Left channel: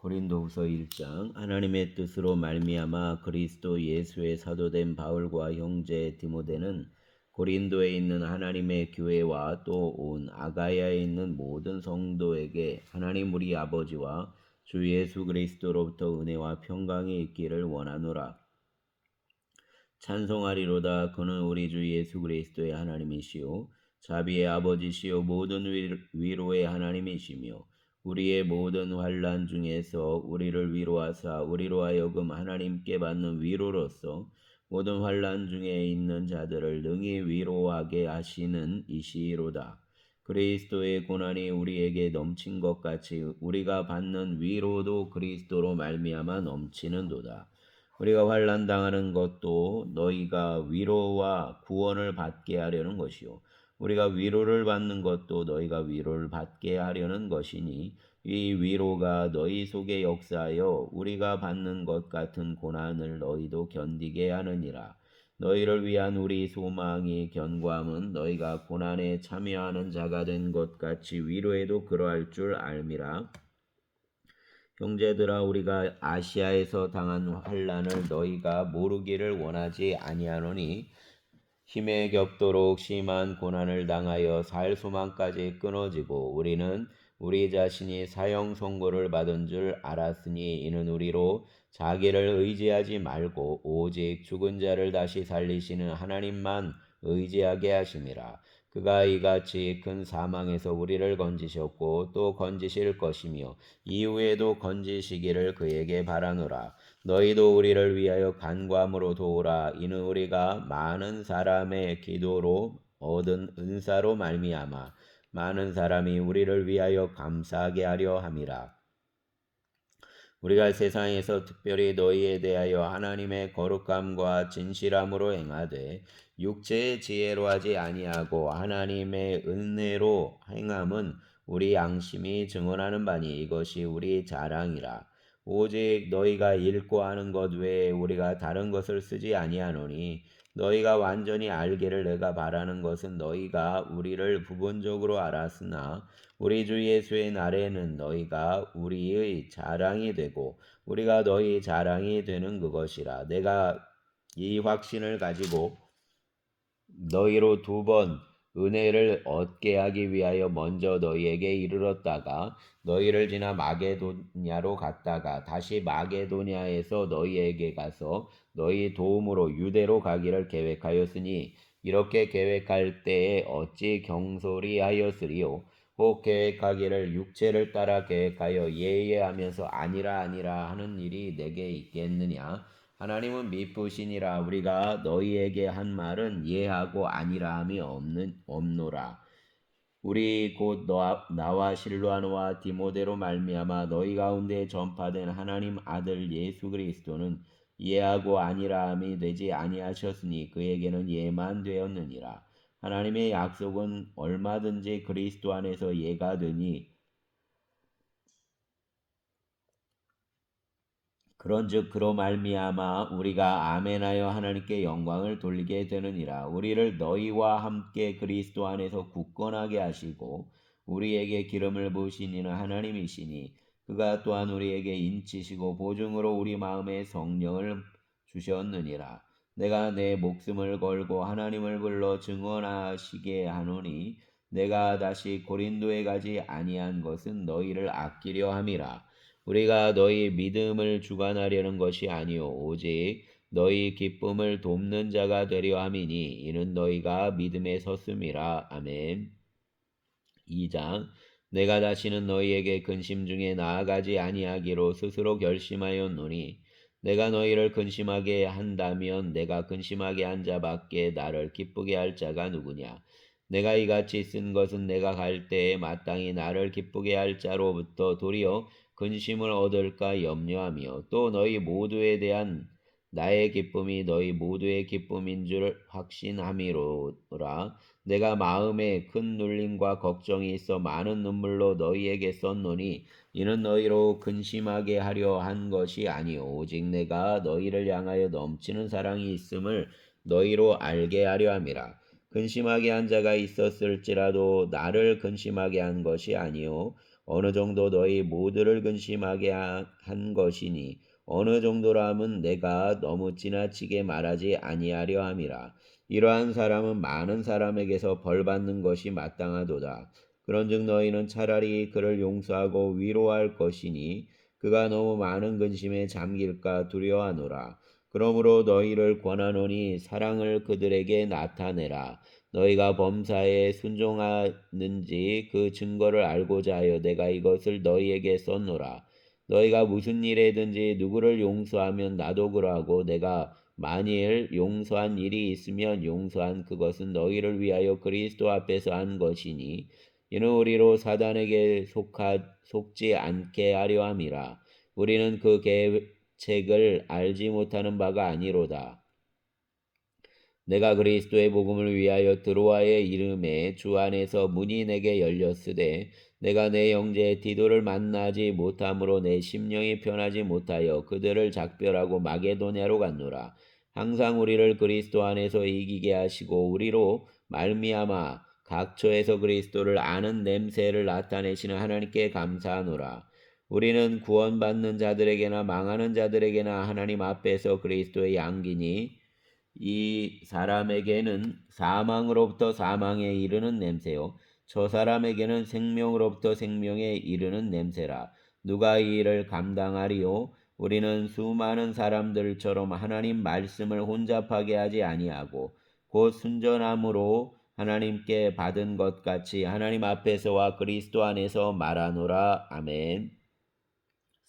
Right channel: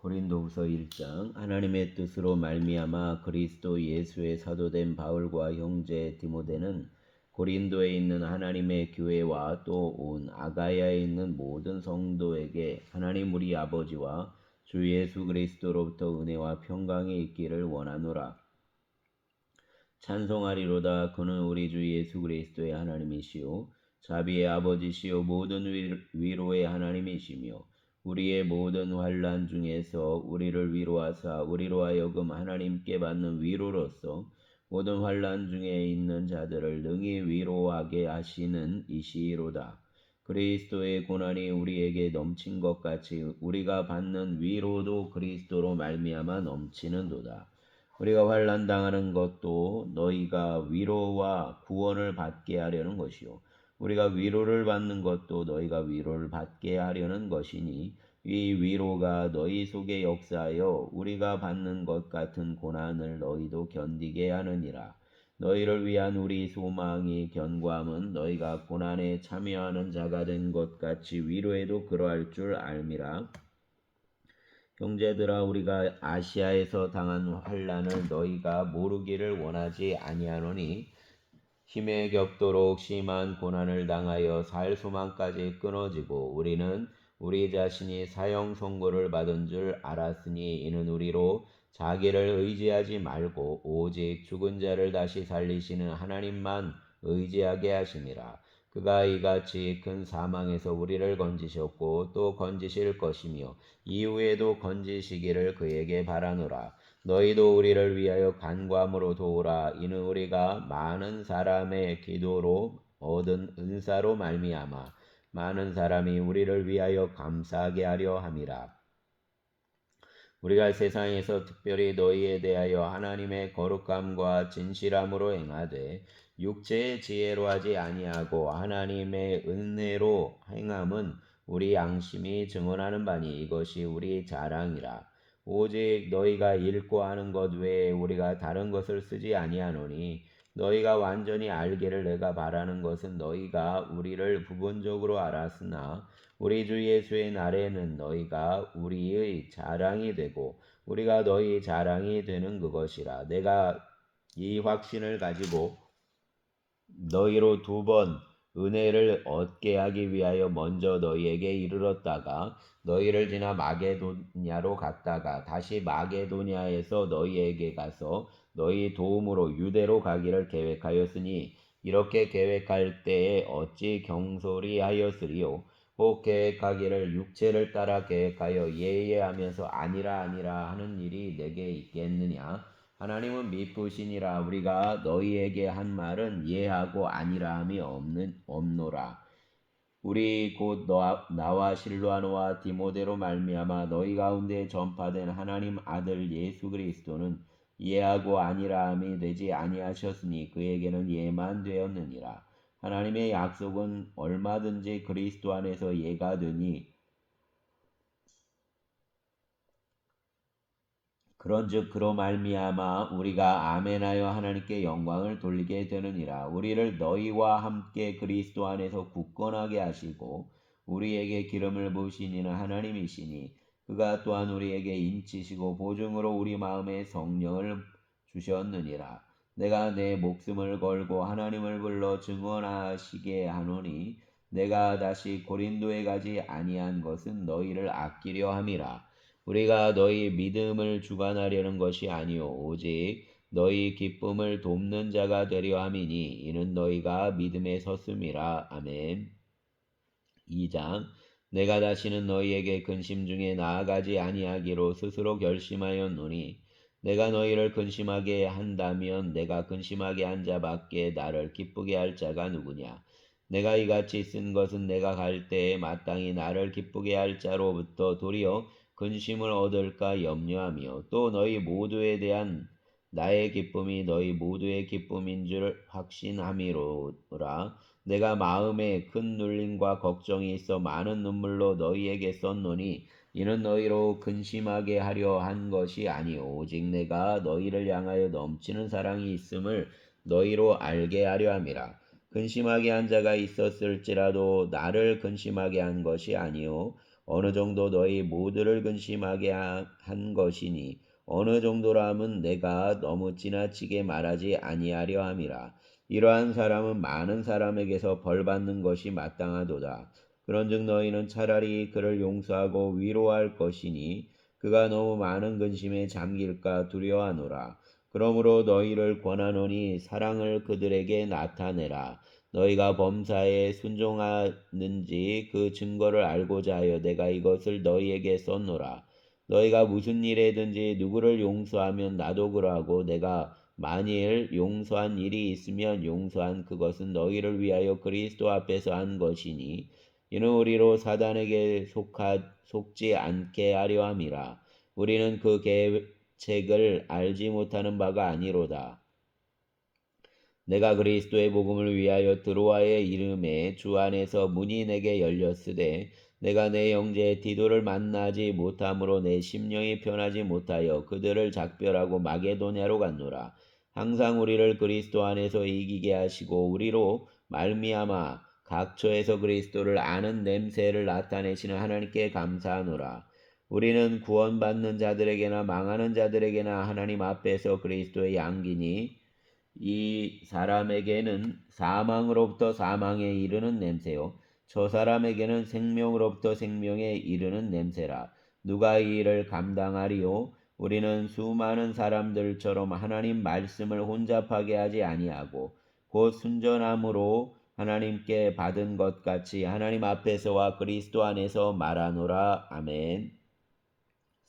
고린도후서 1장. 하나님의 뜻으로 말미암아 그리스도 예수의 사도된 바울과 형제 디모데는 고린도에 있는 하나님의 교회와 또 온 아가야에 있는 모든 성도에게 하나님 우리 아버지와 주 예수 그리스도로부터 은혜와 평강이 있기를 원하노라. 찬송하리로다. 그는 우리 주 예수 그리스도의 하나님이시요 자비의 아버지시요 모든 위로의 하나님이시며 우리의 모든 환난 중에서 우리를 위로하사 우리로 하여금 하나님께 받는 위로로서 모든 환난 중에 있는 자들을 능히 위로하게 하시는 이시로다. 그리스도의 고난이 우리에게 넘친 것 같이 우리가 받는 위로도 그리스도로 말미암아 넘치는도다. 우리가 환난 당하는 것도 너희가 위로와 구원을 받게 하려는 것이요 우리가 위로를 받는 것도 너희가 위로를 받게 하려는 것이니 이 위로가 너희 속에 역사하여 우리가 받는 것 같은 고난을 너희도 견디게 하느니라. 너희를 위한 우리 소망이 견고함은 너희가 고난에 참여하는 자가 된 것 같이 위로에도 그러할 줄 알미라. 형제들아, 우리가 아시아에서 당한 환난을 너희가 모르기를 원하지 아니하노니 힘에 겹도록 심한 고난을 당하여 살 소망까지 끊어지고 우리는 우리 자신이 사형 선고를 받은 줄 알았으니 이는 우리로 자기를 의지하지 말고 오직 죽은 자를 다시 살리시는 하나님만 의지하게 하심이라. 그가 이같이 큰 사망에서 우리를 건지셨고 또 건지실 것이며 이후에도 건지시기를 그에게 바라노라. 너희도 우리를 위하여 간구함으로 도우라. 이는 우리가 많은 사람의 기도로 얻은 은사로 말미암아 많은 사람이 우리를 위하여 감사하게 하려 함이라. 우리가 세상에서 특별히 너희에 대하여 하나님의 거룩함과 진실함으로 행하되 육체의 지혜로 하지 아니하고 하나님의 은혜로 행함은 우리 양심이 증언하는 바니 이것이 우리 자랑이라. 오직 너희가 읽고 아는 것 외에 우리가 다른 것을 쓰지 아니하노니 너희가 완전히 알기를 내가 바라는 것은 너희가 우리를 부분적으로 알았으나 우리 주 예수의 날에는 너희가 우리의 자랑이 되고 우리가 너희 자랑이 되는 그것이라. 내가 이 확신을 가지고 너희로 2번 은혜를 얻게 하기 위하여 먼저 너희에게 이르렀다가 너희를 지나 마게도냐로 갔다가 다시 마게도냐에서 너희에게 가서 너희 도움으로 유대로 가기를 계획하였으니 이렇게 계획할 때에 어찌 경솔히 하였으리요. 혹 계획하기를 육체를 따라 계획하여 예예하면서 아니라 하는 일이 내게 있겠느냐. 하나님은 미쁘시니라. 우리가 너희에게 한 말은 예하고 아니라함이 없노라. 우리 곧 나와 실로아노와 디모데로 말미암아 너희 가운데 전파된 하나님 아들 예수 그리스도는 예하고 아니라함이 되지 아니하셨으니 그에게는 예만 되었느니라. 하나님의 약속은 얼마든지 그리스도 안에서 예가 되니 그런즉 그로 말미암아 우리가 아멘하여 하나님께 영광을 돌리게 되느니라. 우리를 너희와 함께 그리스도 안에서 굳건하게 하시고 우리에게 기름을 부으신 이는 하나님이시니 그가 또한 우리에게 인치시고 보증으로 우리 마음에 성령을 주셨느니라. 내가 내 목숨을 걸고 하나님을 불러 증언하시게 하노니 내가 다시 고린도에 가지 아니한 것은 너희를 아끼려 함이라. 우리가 너희 믿음을 주관하려는 것이 아니요 오직 너희 기쁨을 돕는 자가 되려 함이니 이는 너희가 믿음에 섰음이라. 아멘. 2장. 내가 다시는 너희에게 근심 중에 나아가지 아니하기로 스스로 결심하였노니 내가 너희를 근심하게 한다면 내가 근심하게 한 자밖에 나를 기쁘게 할 자가 누구냐. 내가 이같이 쓴 것은 내가 갈 때에 마땅히 나를 기쁘게 할 자로부터 도리어 근심을 얻을까 염려하며 또 너희 모두에 대한 나의 기쁨이 너희 모두의 기쁨인 줄 확신함이로라. 내가 마음에 큰 눌림과 걱정이 있어 많은 눈물로 너희에게 썼노니 이는 너희로 근심하게 하려 한 것이 아니오 오직 내가 너희를 향하여 넘치는 사랑이 있음을 너희로 알게 하려 함이라. 근심하게 한 자가 있었을지라도 나를 근심하게 한 것이 아니오 어느 정도 너희 모두를 근심하게 한 것이니 어느 정도라 함은 내가 너무 지나치게 말하지 아니하려 함이라. 이러한 사람은 많은 사람에게서 벌받는 것이 마땅하도다. 그런즉 너희는 차라리 그를 용서하고 위로할 것이니 그가 너무 많은 근심에 잠길까 두려워하노라. 그러므로 너희를 권하노니 사랑을 그들에게 나타내라. 너희가 범사에 순종하는지 그 증거를 알고자 하여 내가 이것을 너희에게 썼노라. 너희가 무슨 일에든지 누구를 용서하면 나도 그러하고 내가 만일 용서한 일이 있으면 용서한 그것은 너희를 위하여 그리스도 앞에서 한 것이니 이는 우리로 사단에게 속지 않게 하려 함이라. 우리는 그 계책을 알지 못하는 바가 아니로다. 내가 그리스도의 복음을 위하여 드로아의 이름에 주 안에서 문이 내게 열렸으되 내가 내 형제 디도를 만나지 못함으로 내 심령이 편하지 못하여 그들을 작별하고 마게도냐로 갔노라. 항상 우리를 그리스도 안에서 이기게 하시고 우리로 말미암아 각처에서 그리스도를 아는 냄새를 나타내시는 하나님께 감사하노라. 우리는 구원받는 자들에게나 망하는 자들에게나 하나님 앞에서 그리스도의 양기니 이 사람에게는 사망으로부터 사망에 이르는 냄새요 저 사람에게는 생명으로부터 생명에 이르는 냄새라. 누가 이 일을 감당하리요? 우리는 수많은 사람들처럼 하나님 말씀을 혼잡하게 하지 아니하고 곧 순전함으로 하나님께 받은 것 같이 하나님 앞에서와 그리스도 안에서 말하노라. 아멘.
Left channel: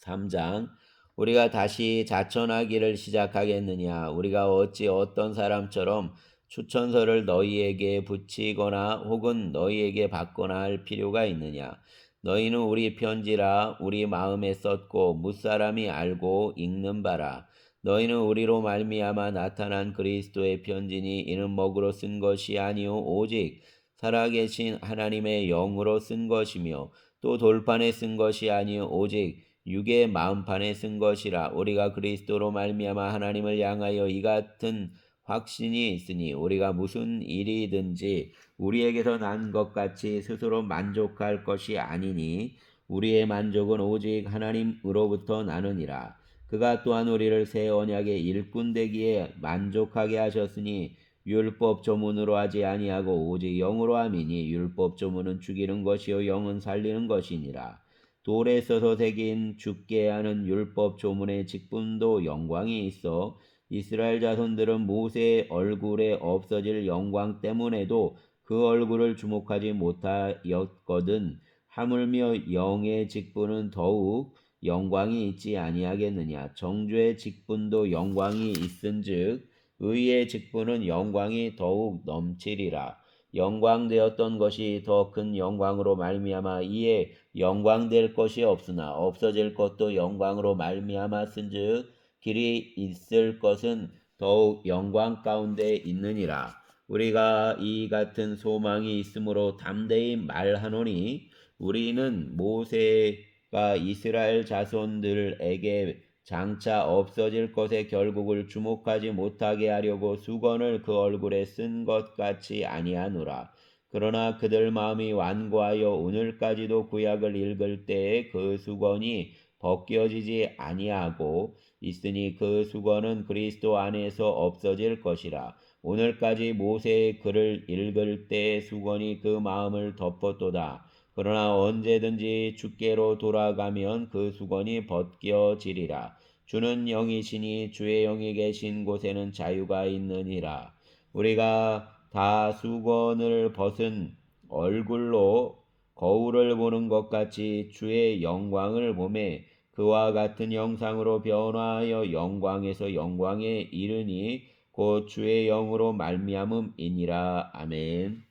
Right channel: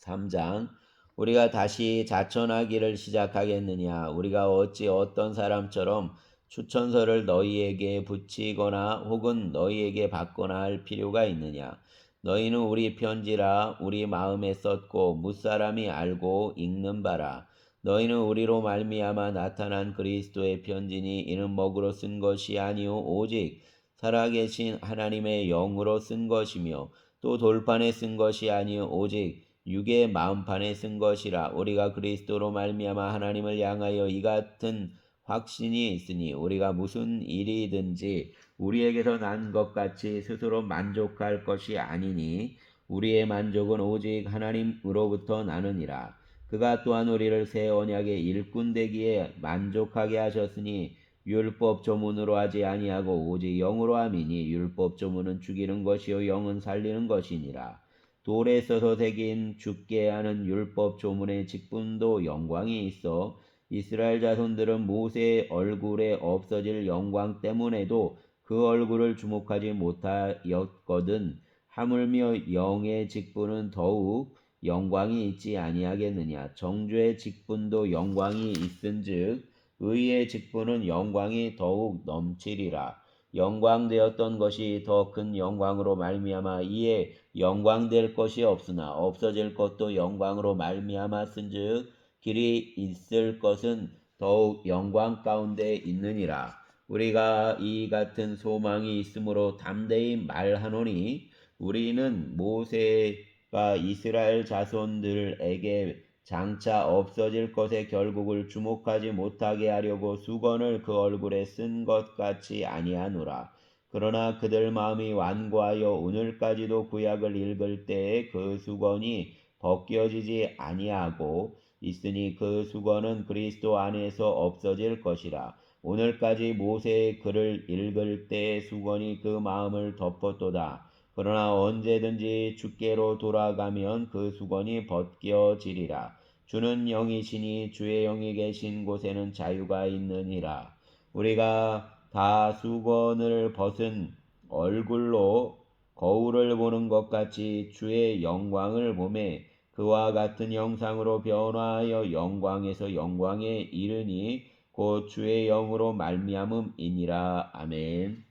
3장. 우리가 다시 자천하기를 시작하겠느냐? 우리가 어찌 어떤 사람처럼 추천서를 너희에게 붙이거나 혹은 너희에게 받거나 할 필요가 있느냐? 너희는 우리 편지라 우리 마음에 썼고 무사람이 알고 읽는 바라. 너희는 우리로 말미암아 나타난 그리스도의 편지니 이는 먹으로 쓴 것이 아니요 오직 살아계신 하나님의 영으로 쓴 것이며 또 돌판에 쓴 것이 아니요 오직 육의 마음판에 쓴 것이라. 우리가 그리스도로 말미암아 하나님을 향하여 이 같은 확신이 있으니 우리가 무슨 일이든지 우리에게서 난 것 같이 스스로 만족할 것이 아니니 우리의 만족은 오직 하나님으로부터 나느니라. 그가 또한 우리를 새 언약의 일꾼 되기에 만족하게 하셨으니 율법 조문으로 하지 아니하고 오직 영으로 함이니 율법 조문은 죽이는 것이요 영은 살리는 것이니라. 돌에 써서 새긴 죽게 하는 율법 조문의 직분도 영광이 있어 이스라엘 자손들은 모세의 얼굴에 없어질 영광 때문에도 그 얼굴을 주목하지 못하였거든. 하물며 영의 직분은 더욱 영광이 있지 아니하겠느냐. 정죄의 직분도 영광이 있은즉 의의 직분은 영광이 더욱 넘치리라. 영광되었던 것이 더 큰 영광으로 말미암아 이에 영광될 것이 없으나 없어질 것도 영광으로 말미암았은즉 길이 있을 것은 더욱 영광 가운데 있느니라. 우리가 이 같은 소망이 있으므로 담대히 말하노니 우리는 모세가 이스라엘 자손들에게 장차 없어질 것의 결국을 주목하지 못하게 하려고 수건을 그 얼굴에 쓴 것 같이 아니하노라. 그러나 그들 마음이 완고하여 오늘까지도 구약을 읽을 때에 그 수건이 벗겨지지 아니하고 있으니 그 수건은 그리스도 안에서 없어질 것이라. 오늘까지 모세의 글을 읽을 때의 수건이 그 마음을 덮었도다. 그러나 언제든지 주께로 돌아가면 그 수건이 벗겨지리라. 주는 영이시니 주의 영이 계신 곳에는 자유가 있느니라. 우리가 다 수건을 벗은 얼굴로 거울을 보는 것 같이 주의 영광을 보매 그와 같은 형상으로 변화하여 영광에서 영광에 이르니 곧 주의 영으로 말미암음이니라. 아멘.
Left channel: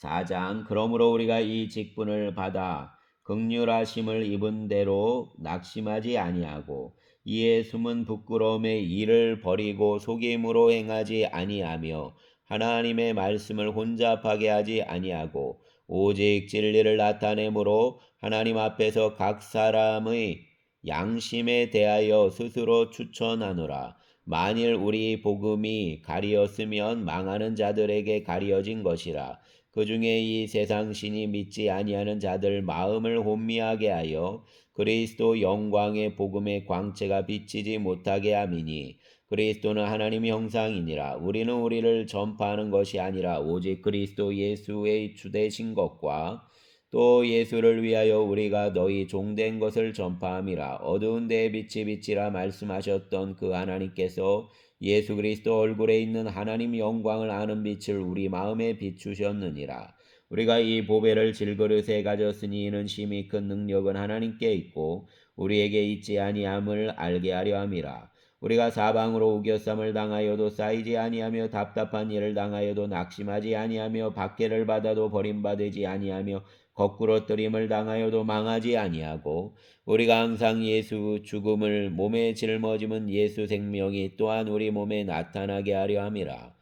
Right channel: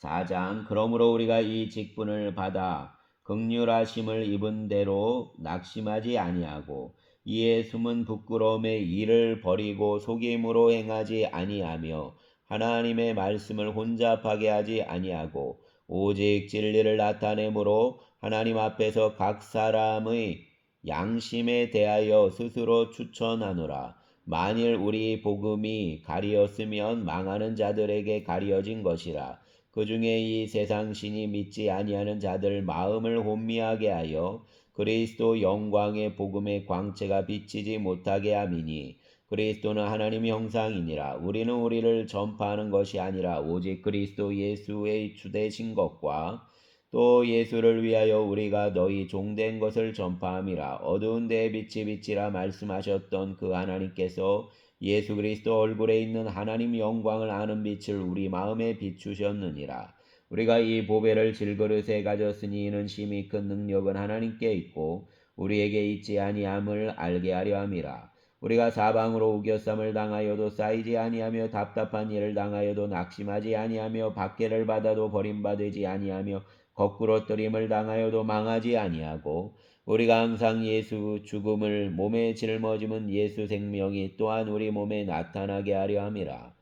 4장. 그러므로 우리가 이 직분을 받아 긍휼하심을 입은 대로 낙심하지 아니하고 이에 숨은 부끄러움의 일을 버리고 속임으로 행하지 아니하며 하나님의 말씀을 혼잡하게 하지 아니하고 오직 진리를 나타내므로 하나님 앞에서 각 사람의 양심에 대하여 스스로 추천하노라. 만일 우리 복음이 가리었으면 망하는 자들에게 가리어진 것이라. 그 중에 이 세상 신이 믿지 아니하는 자들 마음을 혼미하게 하여 그리스도 영광의 복음의 광채가 비치지 못하게 함이니 그리스도는 하나님 형상이니라. 우리는 우리를 전파하는 것이 아니라 오직 그리스도 예수의 주되신 것과 또 예수를 위하여 우리가 너희 종된 것을 전파함이라. 어두운 데에 빛이 비치라 말씀하셨던 그 하나님께서 예수 그리스도 얼굴에 있는 하나님 영광을 아는 빛을 우리 마음에 비추셨느니라. 우리가 이 보배를 질그릇에 가졌으니 이는 심히 큰 능력은 하나님께 있고 우리에게 있지 아니함을 알게 하려 함이라. 우리가 사방으로 우겨쌈을 당하여도 쌓이지 아니하며 답답한 일을 당하여도 낙심하지 아니하며 박해를 받아도 버림받지 아니하며 거꾸로 뜨림을 당하여도 망하지 아니하고 우리가 항상 예수 죽음을 몸에 짊어지면 예수 생명이 또한 우리 몸에 나타나게 하려 함이라.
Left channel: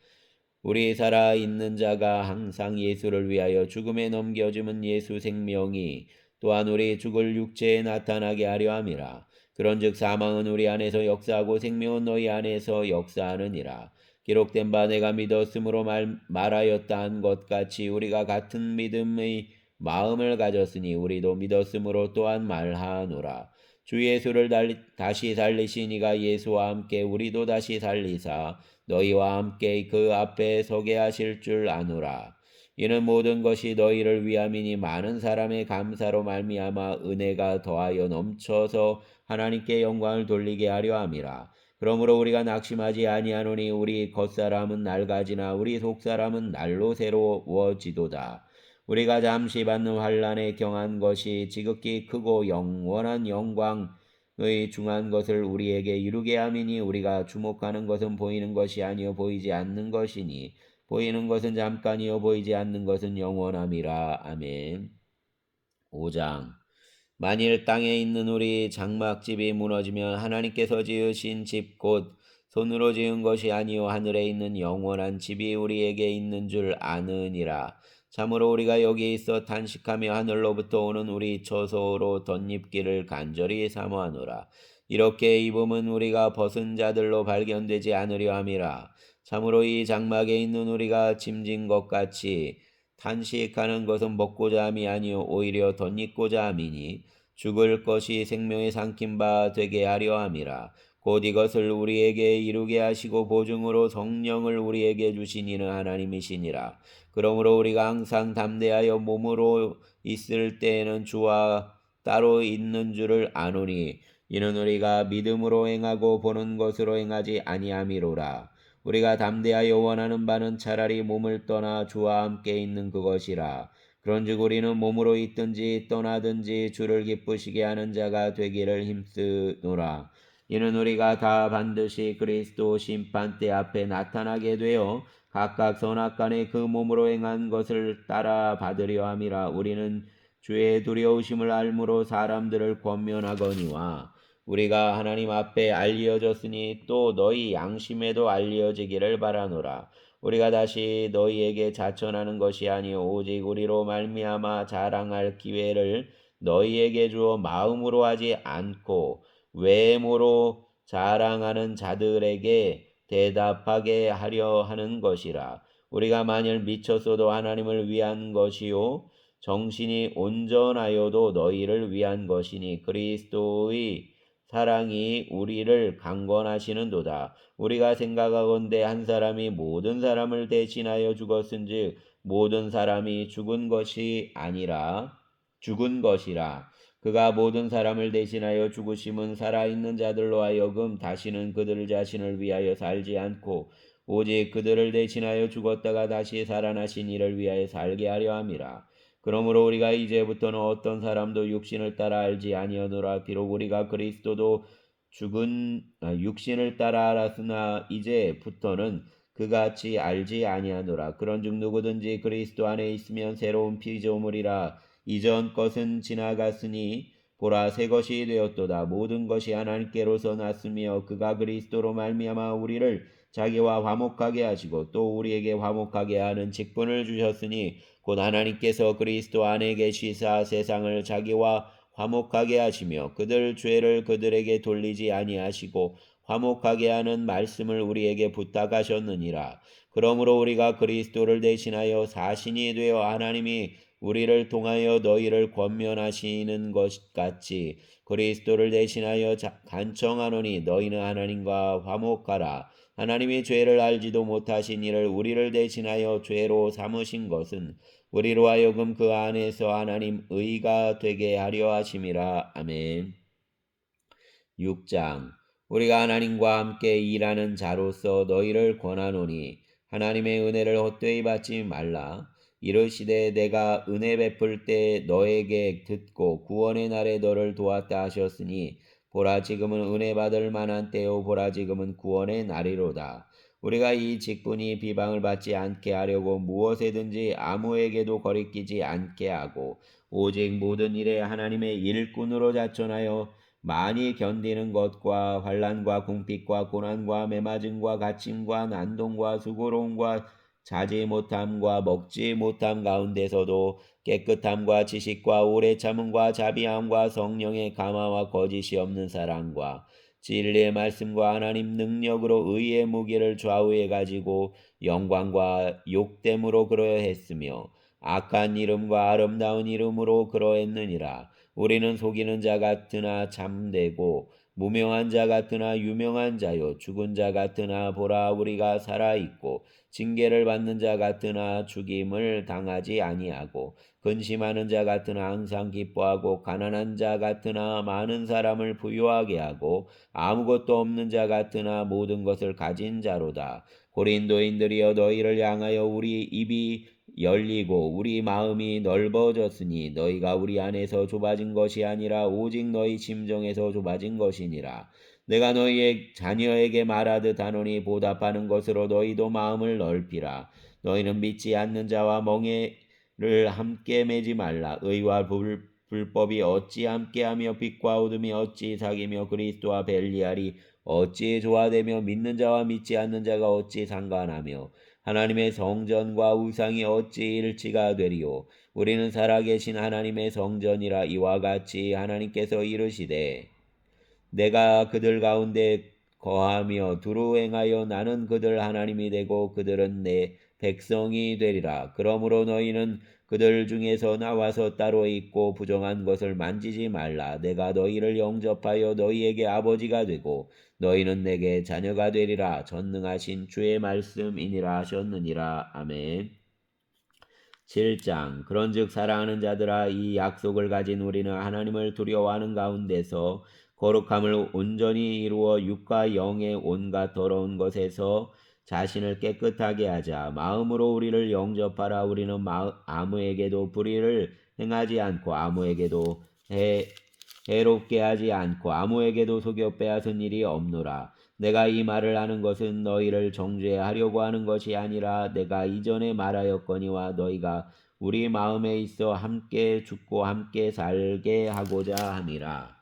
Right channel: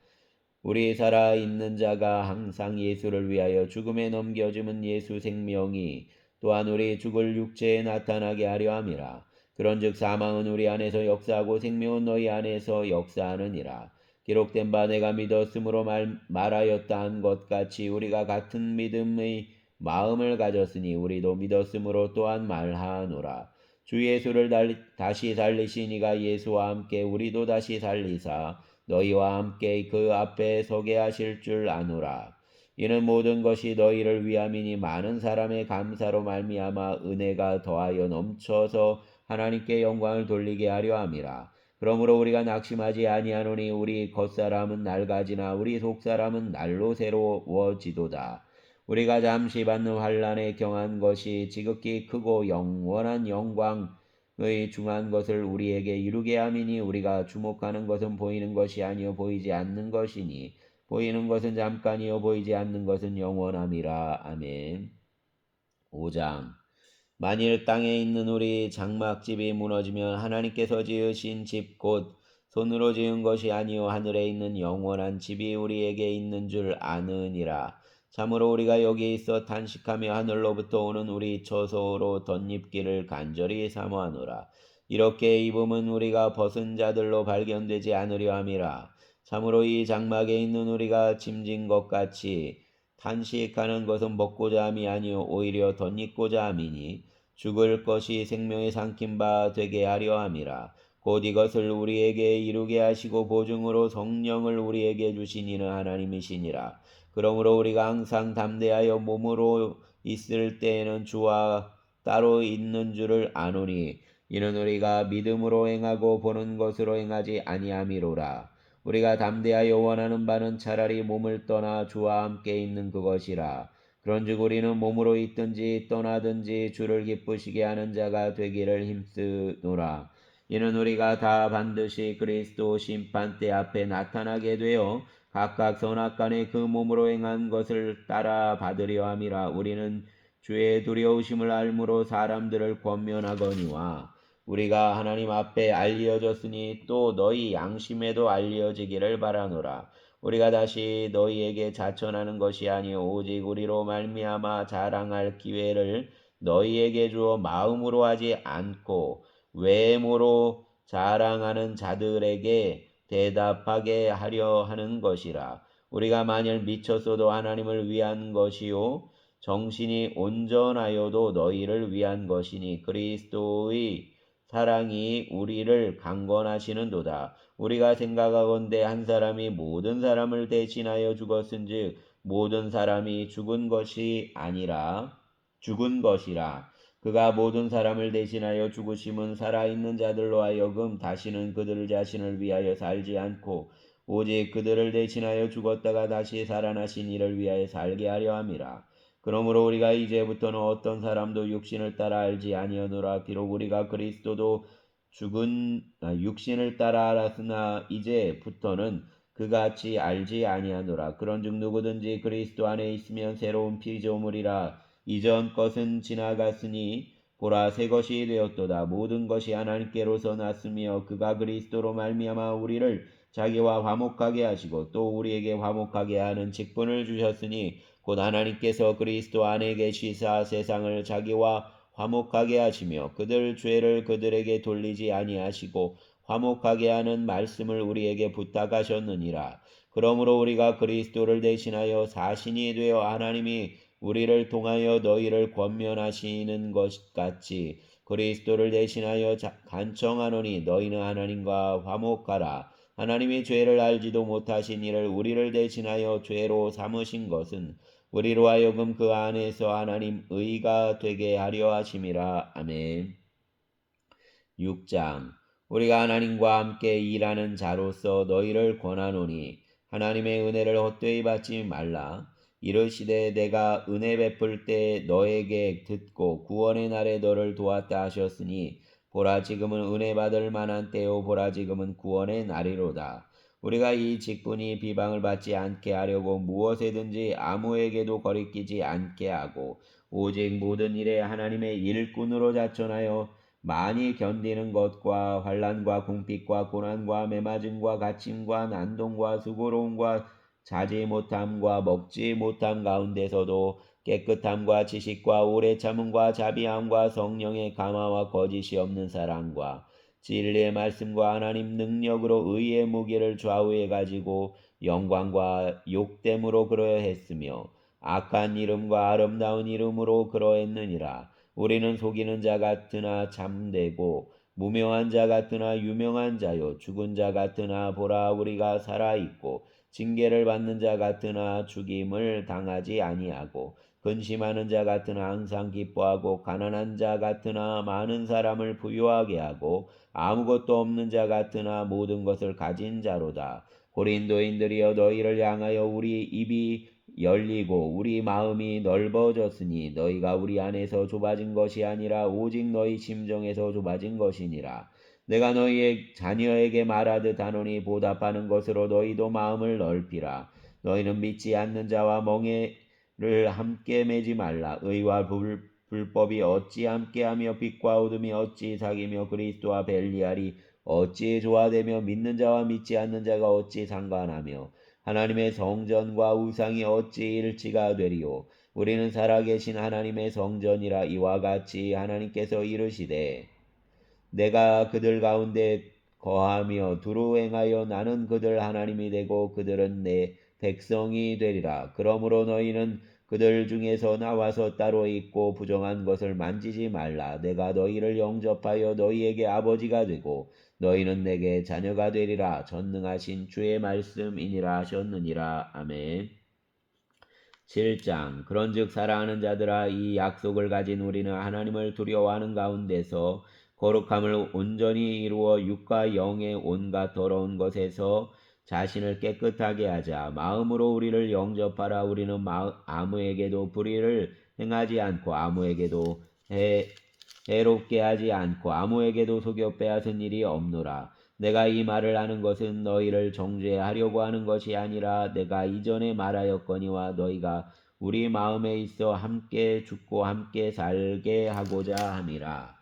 우리 살아있는 자가 항상 예수를 위하여 죽음에 넘겨짐은 예수 생명이 또한 우리 죽을 육체에 나타나게 하려 함이라. 그런즉 사망은 우리 안에서 역사하고 생명은 너희 안에서 역사하느니라. 기록된 바 내가 믿었으므로 말하였다 한 것 같이 우리가 같은 믿음의 마음을 가졌으니 우리도 믿었으므로 또한 말하노라. 주 예수를 다시 살리신 이가 예수와 함께 우리도 다시 살리사 너희와 함께 그 앞에 서게 하실 줄 아노라. 이는 모든 것이 너희를 위함이니 많은 사람의 감사로 말미암아 은혜가 더하여 넘쳐서 하나님께 영광을 돌리게 하려 함이라. 그러므로 우리가 낙심하지 아니하노니 우리 겉사람은 낡아지나 우리 속사람은 날로 새로워지도다. 우리가 잠시 받는 환난에 경한 것이 지극히 크고 영원한 영광의 중한 것을 우리에게 이루게 함이니 우리가 주목하는 것은 보이는 것이 아니요 보이지 않는 것이니 보이는 것은 잠깐이요 보이지 않는 것은 영원함이라. 아멘. 5장. 만일 땅에 있는 우리 장막집이 무너지면 하나님께서 지으신 집 곧 손으로 지은 것이 아니요 하늘에 있는 영원한 집이 우리에게 있는 줄 아느니라. 참으로 우리가 여기 있어 탄식하며 하늘로부터 오는 우리 처소로 덧입기를 간절히 사모하노라. 이렇게 입음은 우리가 벗은 자들로 발견되지 않으려 함이라. 참으로 이 장막에 있는 우리가 짐진 것 같이 탄식하는 것은 먹고자 함이 아니요 오히려 덧입고자 함이니 죽을 것이 생명에 삼킨 바 되게 하려 함이라. 곧 이것을 우리에게 이루게 하시고 보증으로 성령을 우리에게 주신 이는 하나님이시니라. 그러므로 우리가 항상 담대하여 몸으로 있을 때에는 주와 따로 있는 줄을 아노니 이는 우리가 믿음으로 행하고 보는 것으로 행하지 아니함이로라. 우리가 담대하여 원하는 바는 차라리 몸을 떠나 주와 함께 있는 그것이라. 그런즉 우리는 몸으로 있든지 떠나든지 주를 기쁘시게 하는 자가 되기를 힘쓰노라. 이는 우리가 다 반드시 그리스도 심판대 앞에 나타나게 되어 각각 선악간에 그 몸으로 행한 것을 따라 받으려 함이라. 우리는 주의 두려우심을 알므로 사람들을 권면하거니와 우리가 하나님 앞에 알려졌으니 또 너희 양심에도 알려지기를 바라노라. 우리가 다시 너희에게 자천하는 것이 아니요 오직 우리로 말미암아 자랑할 기회를 너희에게 주어 마음으로 하지 않고 외모로 자랑하는 자들에게 대답하게 하려 하는 것이라. 우리가 만일 미쳤어도 하나님을 위한 것이요 정신이 온전하여도 너희를 위한 것이니 그리스도의 사랑이 우리를 강권하시는도다. 우리가 생각하건대 한 사람이 모든 사람을 대신하여 죽었은즉 모든 사람이 죽은 것이라. 그가 모든 사람을 대신하여 죽으심은 살아있는 자들로 하여금 다시는 그들 자신을 위하여 살지 않고 오직 그들을 대신하여 죽었다가 다시 살아나신 이를 위하여 살게 하려 함이라. 그러므로 우리가 이제부터는 어떤 사람도 육신을 따라 알지 아니하노라. 비록 우리가 그리스도도 죽은 육신을 따라 알았으나 이제부터는 그같이 알지 아니하노라. 그런즉 누구든지 그리스도 안에 있으면 새로운 피조물이라. 이전 것은 지나갔으니 보라 새 것이 되었도다. 모든 것이 하나님께로서 났으며 그가 그리스도로 말미암아 우리를 자기와 화목하게 하시고 또 우리에게 화목하게 하는 직분을 주셨으니 곧 하나님께서 그리스도 안에 계시사 세상을 자기와 화목하게 하시며 그들 죄를 그들에게 돌리지 아니하시고 화목하게 하는 말씀을 우리에게 부탁하셨느니라. 그러므로 우리가 그리스도를 대신하여 사신이 되어 하나님이 우리를 통하여 너희를 권면하시는 것 같이 그리스도를 대신하여 간청하노니 너희는 하나님과 화목하라. 하나님이 죄를 알지도 못하신 이를 우리를 대신하여 죄로 삼으신 것은 우리로 하여금 그 안에서 하나님 의가 되게 하려 하심이라. 아멘. 6장 우리가 하나님과 함께 일하는 자로서 너희를 권하노니 하나님의 은혜를 헛되이 받지 말라. 이르시되 내가 은혜 베풀 때 너에게 듣고 구원의 날에 너를 도왔다 하셨으니 보라 지금은 은혜 받을 만한 때요 보라 지금은 구원의 날이로다. 우리가 이 직분이 비방을 받지 않게 하려고 무엇에든지 아무에게도 거리끼지 않게 하고 오직 모든 일에 하나님의 일꾼으로 자천하여 많이 견디는 것과 환난과 궁핍과 고난과 매맞음과 갇힘과 난동과 수고로움과 자지 못함과 먹지 못함 가운데서도 깨끗함과 지식과 오래 참음과 자비함과 성령의 감화와 거짓이 없는 사랑과 진리의 말씀과 하나님 능력으로 의의 무기를 좌우해 가지고 영광과 욕됨으로 그러했으며 악한 이름과 아름다운 이름으로 그러했느니라. 우리는 속이는 자 같으나 참되고 무명한 자 같으나 유명한 자요 죽은 자 같으나 보라 우리가 살아있고 징계를 받는 자 같으나 죽임을 당하지 아니하고 근심하는 자 같으나 항상 기뻐하고 가난한 자 같으나 많은 사람을 부유하게 하고 아무것도 없는 자 같으나 모든 것을 가진 자로다. 고린도인들이여 너희를 향하여 우리 입이 열리고 우리 마음이 넓어졌으니 너희가 우리 안에서 좁아진 것이 아니라 오직 너희 심정에서 좁아진 것이니라. 내가 너희의 자녀에게 말하듯 하노니 보답하는 것으로 너희도 마음을 넓히라. 너희는 믿지 않는 자와 멍에를 함께 매지 말라. 의와 불법이 어찌 함께하며 빛과 어둠이 어찌 사귀며 그리스도와 벨리알이 어찌 조화되며 믿는 자와 믿지 않는 자가 어찌 상관하며 하나님의 성전과 우상이 어찌 일치가 되리요. 우리는 살아계신 하나님의 성전이라. 이와 같이 하나님께서 이르시되 내가 그들 가운데 거하며 두루 행하여 나는 그들 하나님이 되고 그들은 내 백성이 되리라. 그러므로 너희는 그들 중에서 나와서 따로 있고 부정한 것을 만지지 말라. 내가 너희를 영접하여 너희에게 아버지가 되고 너희는 내게 자녀가 되리라. 전능하신 주의 말씀이니라 하셨느니라. 아멘. 7장 그런즉 사랑하는 자들아 이 약속을 가진 우리는 하나님을 두려워하는 가운데서 거룩함을 온전히 이루어 육과 영의 온갖 더러운 것에서 자신을 깨끗하게 하자. 마음으로 우리를 영접하라. 우리는 아무에게도 불의를 행하지 않고 아무에게도 해롭게 하지 않고 아무에게도 속여 빼앗은 일이 없노라. 내가 이 말을 하는 것은 너희를 정죄하려고 하는 것이 아니라 내가 이전에 말하였거니와 너희가 우리 마음에 있어 함께 죽고 함께 살게 하고자 함이라.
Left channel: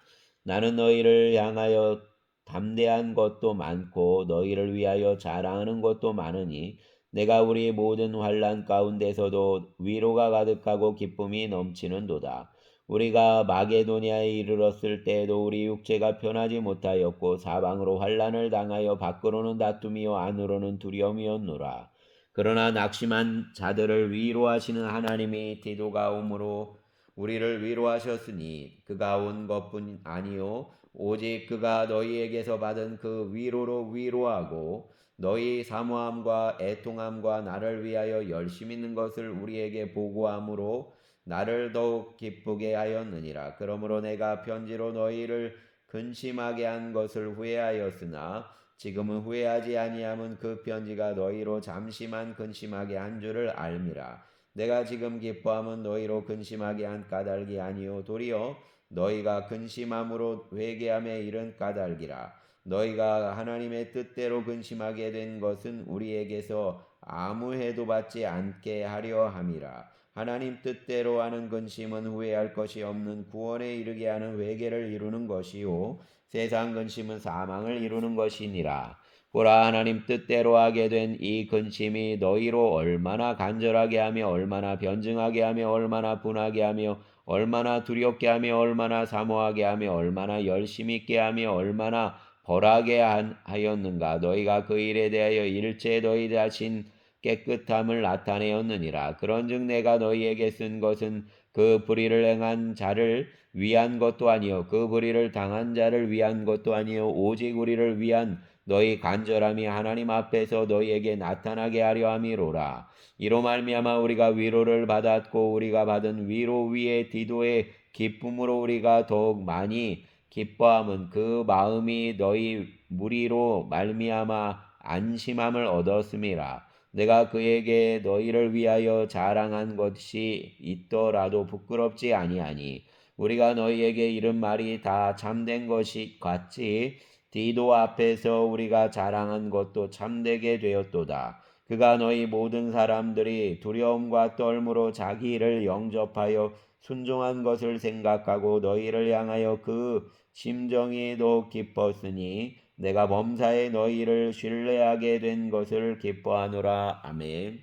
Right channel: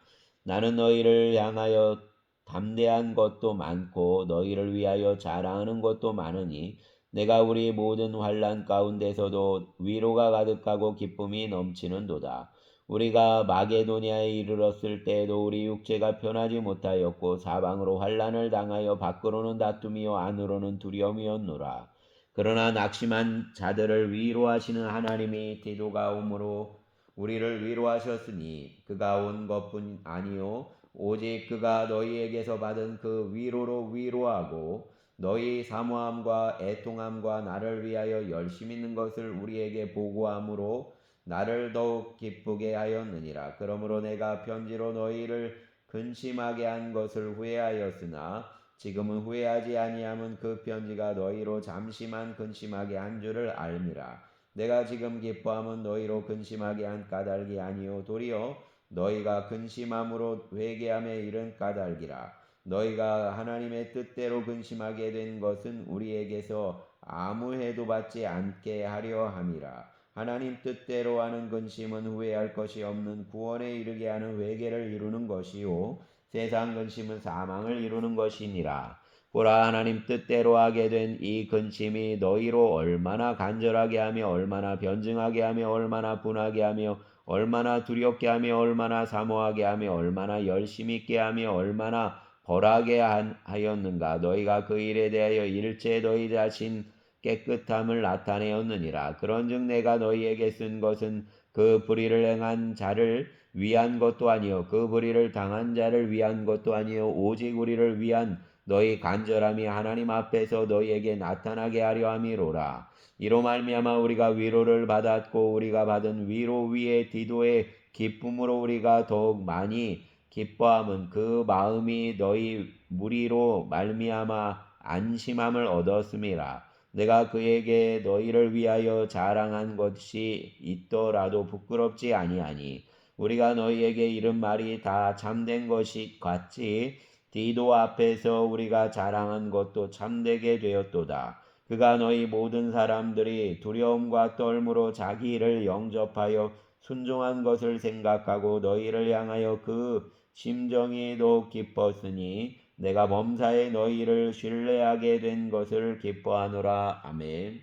나는 너희를 향하여 담대한 것도 많고 너희를 위하여 자랑하는 것도 많으니 내가 우리 모든 환난 가운데서도 위로가 가득하고 기쁨이 넘치는도다. 우리가 마게도냐에 이르렀을 때에도 우리 육체가 편하지 못하였고 사방으로 환난을 당하여 밖으로는 다툼이요 안으로는 두려움이었노라. 그러나 낙심한 자들을 위로하시는 하나님이 디도가 오므로 우리를 위로하셨으니 그가 온 것뿐 아니요 오직 그가 너희에게서 받은 그 위로로 위로하고 너희 사모함과 애통함과 나를 위하여 열심 있는 것을 우리에게 보고함으로 나를 더욱 기쁘게 하였느니라. 그러므로 내가 편지로 너희를 근심하게 한 것을 후회하였으나 지금은 후회하지 아니함은 그 편지가 너희로 잠시만 근심하게 한 줄을 알미라. 내가 지금 기뻐함은 너희로 근심하게 한 까닭이 아니요 도리어 너희가 근심함으로 회개함에 이른 까닭이라. 너희가 하나님의 뜻대로 근심하게 된 것은 우리에게서 아무 해도 받지 않게 하려 함이라. 하나님 뜻대로 하는 근심은 후회할 것이 없는 구원에 이르게 하는 회개를 이루는 것이요 세상 근심은 사망을 이루는 것이니라. 보라 하나님 뜻대로 하게 된 이 근심이 너희로 얼마나 간절하게 하며 얼마나 변증하게 하며 얼마나 분하게 하며 얼마나 두렵게 하며 얼마나 사모하게 하며 얼마나 열심 있게 하며 얼마나 벌하게 하였는가. 너희가 그 일에 대하여 일체 너희 자신 깨끗함을 나타내었느니라. 그런즉 내가 너희에게 쓴 것은 그 불의를 행한 자를 위한 것도 아니요 그 불의를 당한 자를 위한 것도 아니요 오직 우리를 위한 너희 간절함이 하나님 앞에서 너희에게 나타나게 하려 함이로라. 이로 말미암아 우리가 위로를 받았고 우리가 받은 위로 위에 디도의 기쁨으로 우리가 더욱 많이 기뻐함은 그 마음이 너희 무리로 말미암아 안심함을 얻었음이라. 내가 그에게 너희를 위하여 자랑한 것이 있더라도 부끄럽지 아니하니 우리가 너희에게 이른 말이 다 참된 것이 같이 디도 앞에서 우리가 자랑한 것도 참되게 되었도다. 그가 너희 모든 사람들이 두려움과 떨므로 자기 일을 영접하여 순종한 것을 생각하고 너희를 향하여 그 심정이 더욱 기뻤으니 내가 범사에 너희를 신뢰하게 된 것을 기뻐하노라. 아멘.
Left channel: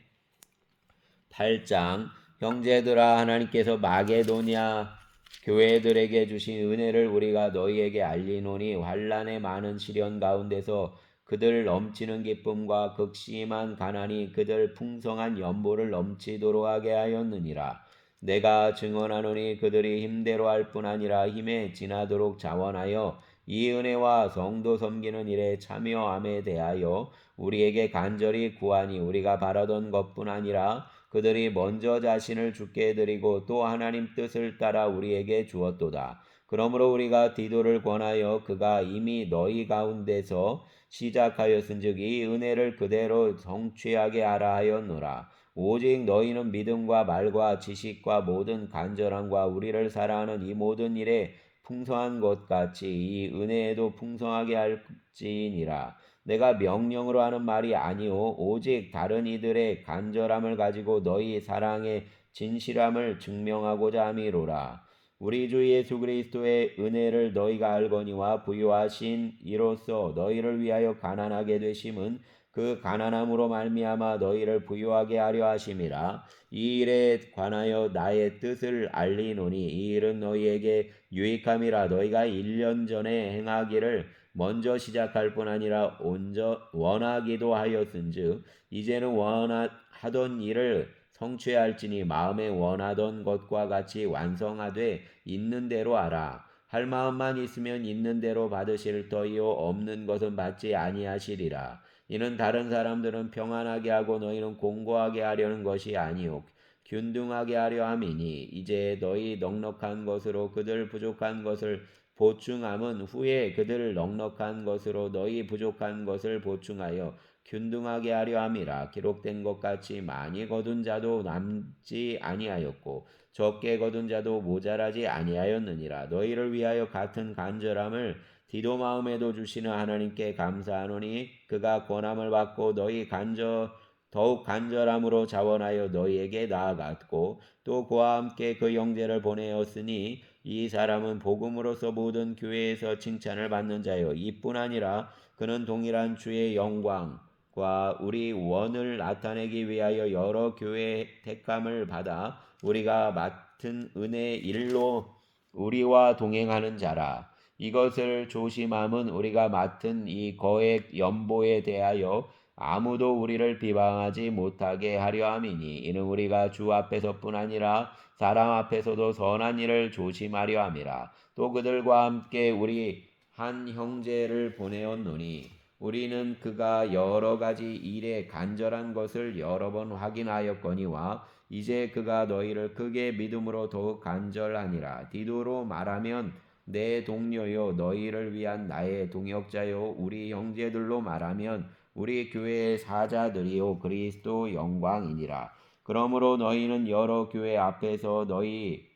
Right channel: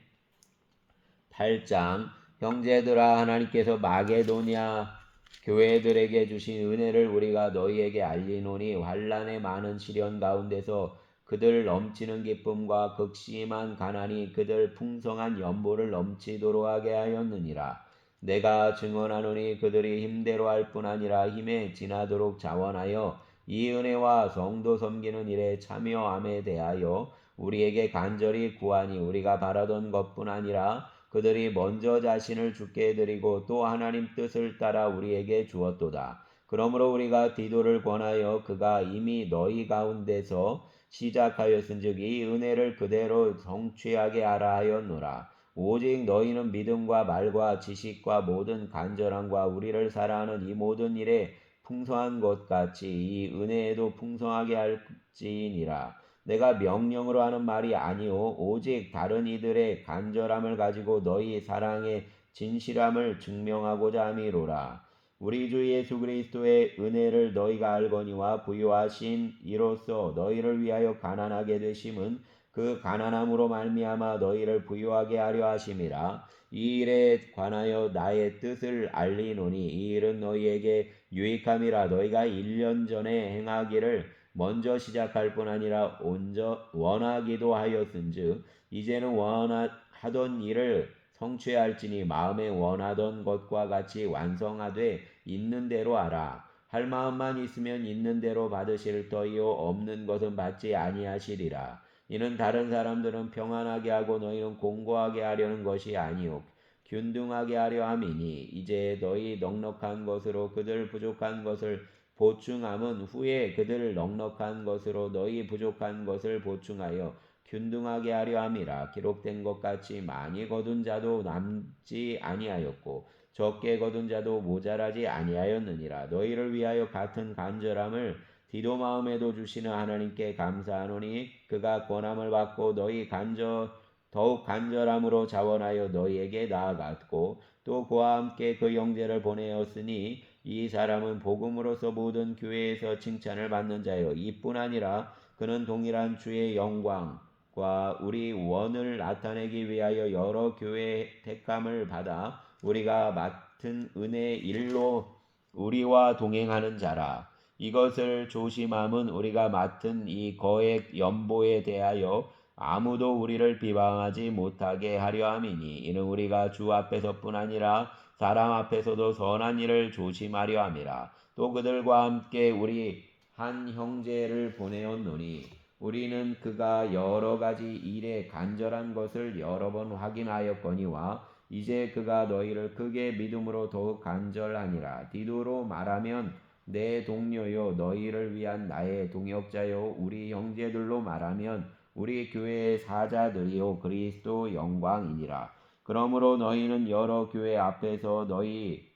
8장 형제들아 하나님께서 마게도냐 교회들에게 주신 은혜를 우리가 너희에게 알리노니 환난의 많은 시련 가운데서 그들 넘치는 기쁨과 극심한 가난이 그들 풍성한 연보를 넘치도록 하게 하였느니라. 내가 증언하노니 그들이 힘대로 할 뿐 아니라 힘에 지나도록 자원하여 이 은혜와 성도 섬기는 일에 참여함에 대하여 우리에게 간절히 구하니 우리가 바라던 것뿐 아니라 그들이 먼저 자신을 주께 드리고 또 하나님 뜻을 따라 우리에게 주었도다. 그러므로 우리가 디도를 권하여 그가 이미 너희 가운데서 시작하였은즉 이 은혜를 그대로 성취하게 하라 하였노라. 오직 너희는 믿음과 말과 지식과 모든 간절함과 우리를 사랑하는 이 모든 일에 풍성한 것 같이 이 은혜에도 풍성하게 할지니라. 내가 명령으로 하는 말이 아니오 오직 다른 이들의 간절함을 가지고 너희 사랑의 진실함을 증명하고자 함이로라. 우리 주 예수 그리스도의 은혜를 너희가 알거니와 부요하신 이로써 너희를 위하여 가난하게 되심은 그 가난함으로 말미암아 너희를 부요하게 하려 하심이라. 이 일에 관하여 나의 뜻을 알리노니 이 일은 너희에게 유익함이라. 너희가 1년 전에 행하기를 먼저 시작할 뿐 아니라 원하기도 하였은즉 이제는 원하던 일을 성취할지니 마음에 원하던 것과 같이 완성하되 있는 대로 하라. 할 마음만 있으면 있는 대로 받으실 터이요 없는 것은 받지 아니하시리라. 이는 다른 사람들은 평안하게 하고 너희는 공고하게 하려는 것이 아니요 균등하게 하려 함이니 이제 너희 넉넉한 것으로 그들 부족한 것을 보충함은 후에 그들 넉넉한 것으로 너희 부족한 것을 보충하여 균등하게 하려 함이라. 기록된 것 같이 많이 거둔 자도 남지 아니하였고 적게 거둔 자도 모자라지 아니하였느니라. 너희를 위하여 같은 간절함을 디도 마음에도 주시는 하나님께 감사하노니 그가 권함을 받고 너희 더욱 간절함으로 자원하여 너희에게 나아갔고 또 그와 함께 그 형제를 보내었으니 이 사람은 복음으로서 모든 교회에서 칭찬을 받는 자요 이뿐 아니라 그는 동일한 주의 영광과 우리 원을 나타내기 위하여 여러 교회의 택함을 받아 우리가 맡은 은혜의 일로 우리와 동행하는 자라. 이것을 조심함은 우리가 맡은 이 거액 연보에 대하여 아무도 우리를 비방하지 못하게 하려 함이니 이는 우리가 주 앞에서뿐 아니라 사람 앞에서도 선한 일을 조심하려 함이라. 또 그들과 함께 우리 한 형제를 보내었노니 우리는 그가 여러 가지 일에 간절한 것을 여러 번 확인하였거니와 이제 그가 너희를 크게 믿음으로 더욱 간절하니라. 디도로 말하면 내 동료요 너희를 위한 나의 동역자요 우리 형제들로 말하면 우리 교회의 사자들이요 그리스도 영광이니라. 그러므로 너희는 여러 교회 앞에서 너희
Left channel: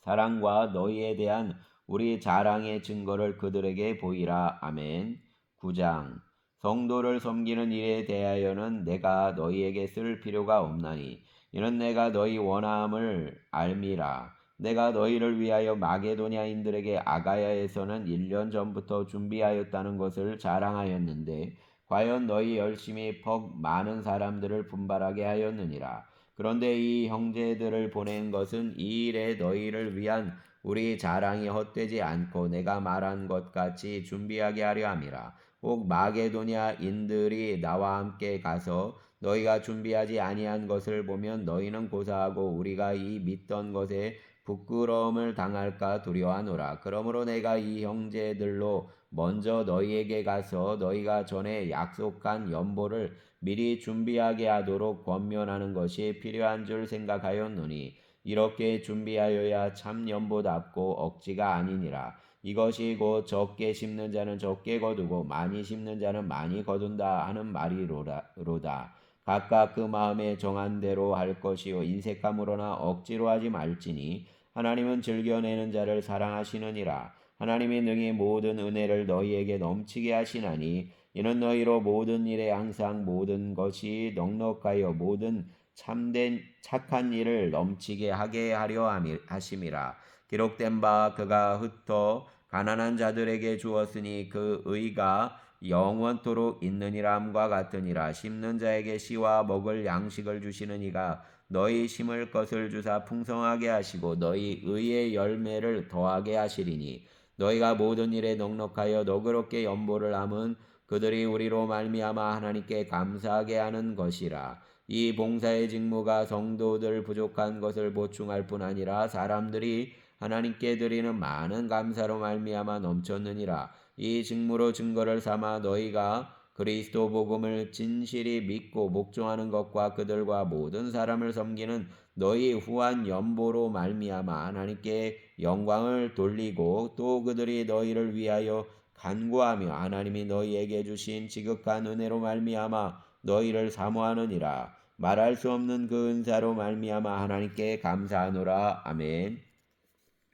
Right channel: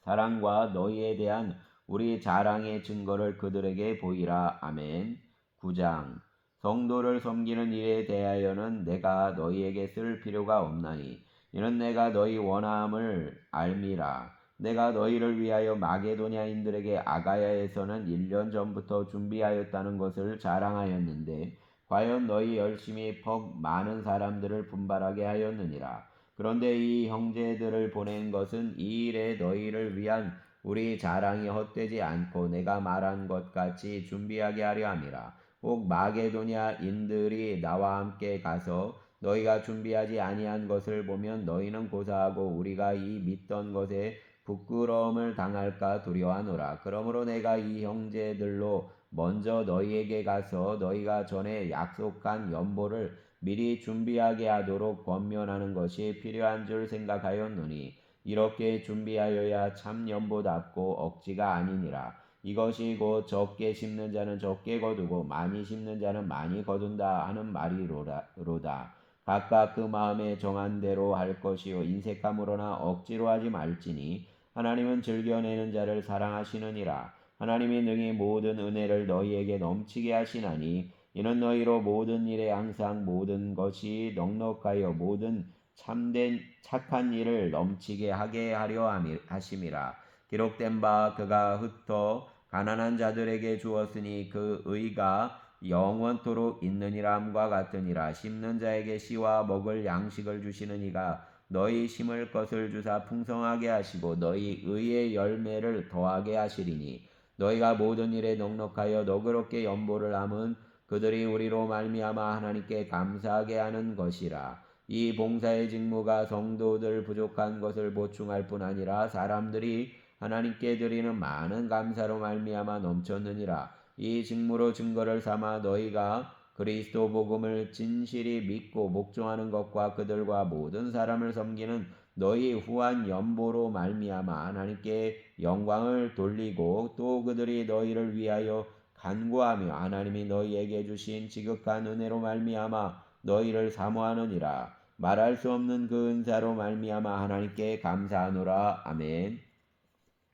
사랑과 너희에 대한 우리 자랑의 증거를 그들에게 보이라. 아멘. 9장 성도를 섬기는 일에 대하여는 내가 너희에게 쓸 필요가 없나니 이는 내가 너희 원함을 알미라. 내가 너희를 위하여 마게도냐인들에게 아가야에서는 1년 전부터 준비하였다는 것을 자랑하였는데 과연 너희 열심히 퍽 많은 사람들을 분발하게 하였느니라. 그런데 이 형제들을 보낸 것은 이 일에 너희를 위한 우리 자랑이 헛되지 않고 내가 말한 것 같이 준비하게 하려 함이라. 꼭 마게도냐인들이 나와 함께 가서 너희가 준비하지 아니한 것을 보면 너희는 고사하고 우리가 이 믿던 것에 부끄러움을 당할까 두려워하노라. 그러므로 내가 이 형제들로 먼저 너희에게 가서 너희가 전에 약속한 연보를 미리 준비하게 하도록 권면하는 것이 필요한 줄 생각하였노니 이렇게 준비하여야 참 연보답고 억지가 아니니라. 이것이 곧 적게 심는 자는 적게 거두고 많이 심는 자는 많이 거둔다 하는 말이로다. 각각 그 마음에 정한 대로 할 것이요 인색함으로나 억지로 하지 말지니 하나님은 즐겨내는 자를 사랑하시느니라. 하나님이 능히 모든 은혜를 너희에게 넘치게 하시나니 이는 너희로 모든 일에 항상 모든 것이 넉넉하여 모든 참된 착한 일을 넘치게 하게 하려 하심이라. 기록된 바 그가 흩어 가난한 자들에게 주었으니 그 의가 영원토록 있느니라함과 같으니라. 심는 자에게 씨와 먹을 양식을 주시는 이가 너희 심을 것을 주사 풍성하게 하시고 너희 의의 열매를 더하게 하시리니 너희가 모든 일에 넉넉하여 너그럽게 연보를 함은 그들이 우리로 말미암아 하나님께 감사하게 하는 것이라. 이 봉사의 직무가 성도들 부족한 것을 보충할 뿐 아니라 사람들이 하나님께 드리는 많은 감사로 말미암아 넘쳤느니라. 이 직무로 증거를 삼아 너희가 그리스도 복음을 진실이 믿고 복종하는 것과 그들과 모든 사람을 섬기는 너희 후한 연보로 말미암아 하나님께 영광을 돌리고 또 그들이 너희를 위하여 간구하며 하나님이 너희에게 주신 지극한 은혜로 말미암아 너희를 사모하느니라. 말할 수 없는 그 은사로 말미암아 하나님께 감사하노라. 아멘.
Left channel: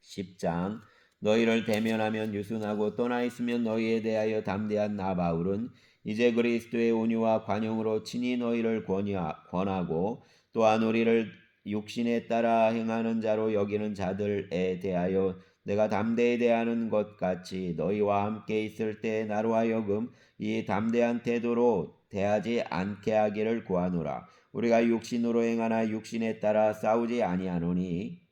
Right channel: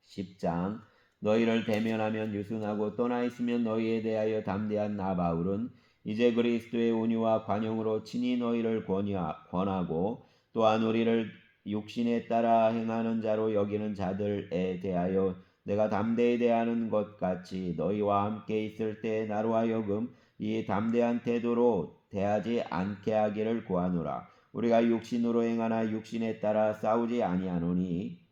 10장 너희를 대면하면 유순하고 떠나 있으면 너희에 대하여 담대한 나 바울은 이제 그리스도의 온유와 관용으로 친히 너희를 권하고 또한 우리를 육신에 따라 행하는 자로 여기는 자들에 대하여 내가 담대히 대하는 것 같이 너희와 함께 있을 때 나로 하여금 이 담대한 태도로 대하지 않게 하기를 구하노라. 우리가 육신으로 행하나 육신에 따라 싸우지 아니하노니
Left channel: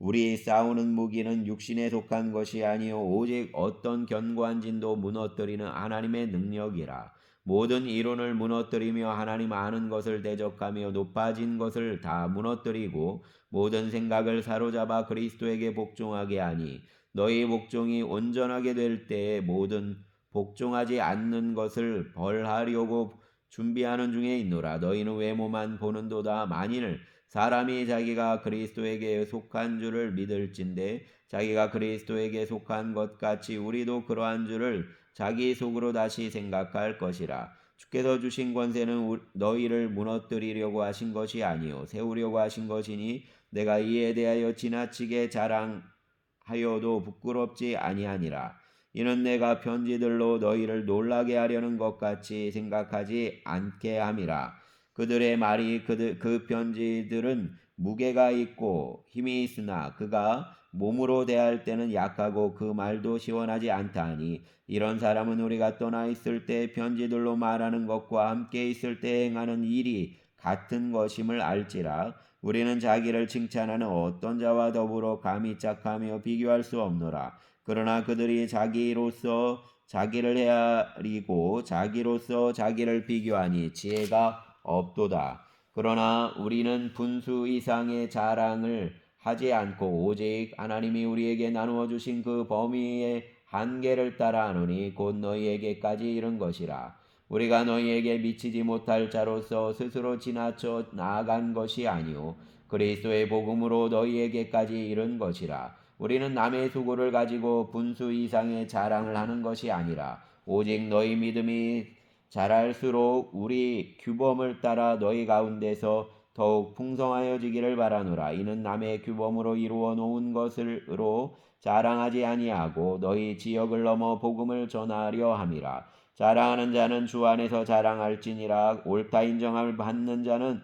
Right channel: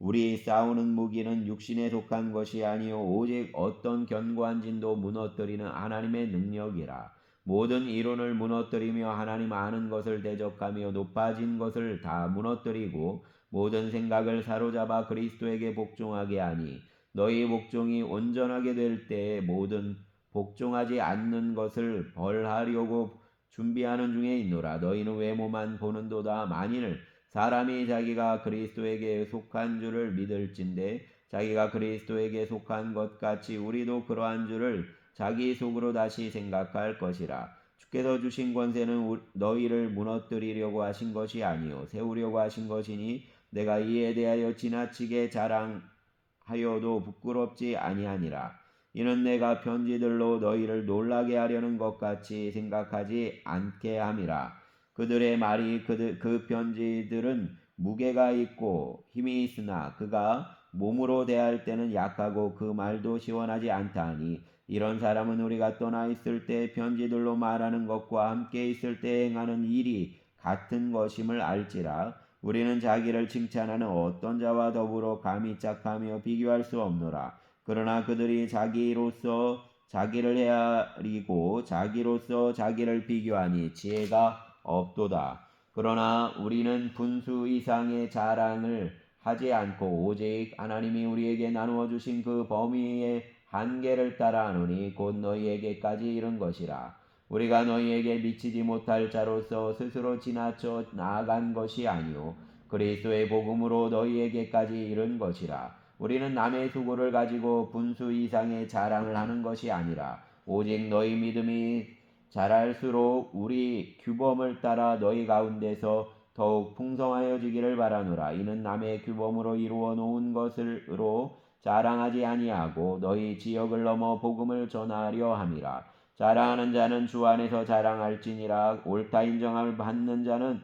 우리 싸우는 무기는 육신에 속한 것이 아니요 오직 어떤 견고한 진도 무너뜨리는 하나님의 능력이라. 모든 이론을 무너뜨리며 하나님 아는 것을 대적하며 높아진 것을 다 무너뜨리고 모든 생각을 사로잡아 그리스도에게 복종하게 하니 너희 복종이 온전하게 될 때에 모든 복종하지 않는 것을 벌하려고 준비하는 중에 있노라. 너희는 외모만 보는도다. 만일 사람이 자기가 그리스도에게 속한 줄을 믿을진대 자기가 그리스도에게 속한 것 같이 우리도 그러한 줄을 자기 속으로 다시 생각할 것이라. 주께서 주신 권세는 너희를 무너뜨리려고 하신 것이 아니요 세우려고 하신 것이니 내가 이에 대하여 지나치게 자랑하여도 부끄럽지 아니하니라. 이는 내가 편지들로 너희를 놀라게 하려는 것 같이 생각하지 않게 함이라. 그들의 말이 그 편지들은 무게가 있고 힘이 있으나 그가 몸으로 대할 때는 약하고 그 말도 시원하지 않다 하니 이런 사람은 우리가 떠나 있을 때 편지들로 말하는 것과 함께 있을 때 행하는 일이 같은 것임을 알지라. 우리는 자기를 칭찬하는 어떤 자와 더불어 감히 짝하며 비교할 수 없노라. 그러나 그들이 자기로서 자기를 헤아리고 자기로서 자기를 비교하니 지혜가 없도다. 그러나 우리는 분수 이상의 자랑을 하지 않고 오직 하나님이 우리에게 나누어 주신 그 범위의 한계를 따라 하노니 곧 너희에게까지 이른 것이라. 우리가 너희에게 미치지 못할 자로서 스스로 지나쳐 나아간 것이 아니요 그리스도의 복음으로 너희에게까지 이른 것이라. 우리는 남의 수고를 가지고 분수 이상의 자랑을 하는 것이 아니라 오직 너희 믿음이 자랄수록 우리 규범을 따라 너희 가운데서 더욱 풍성하여지기를 바라노라. 이는 남의 규범으로 이루어 놓은 것으로 자랑하지 아니하고 너희 지역을 넘어 복음을 전하려 함이라. 자랑하는 자는 주 안에서 자랑할지니라. 옳다 인정함을 받는 자는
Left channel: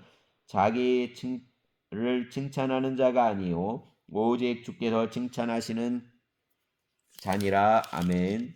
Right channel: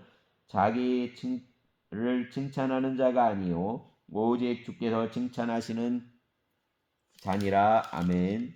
자기를 칭찬하는 자가 아니요 오직 주께서 칭찬하시는 자니라. 아멘.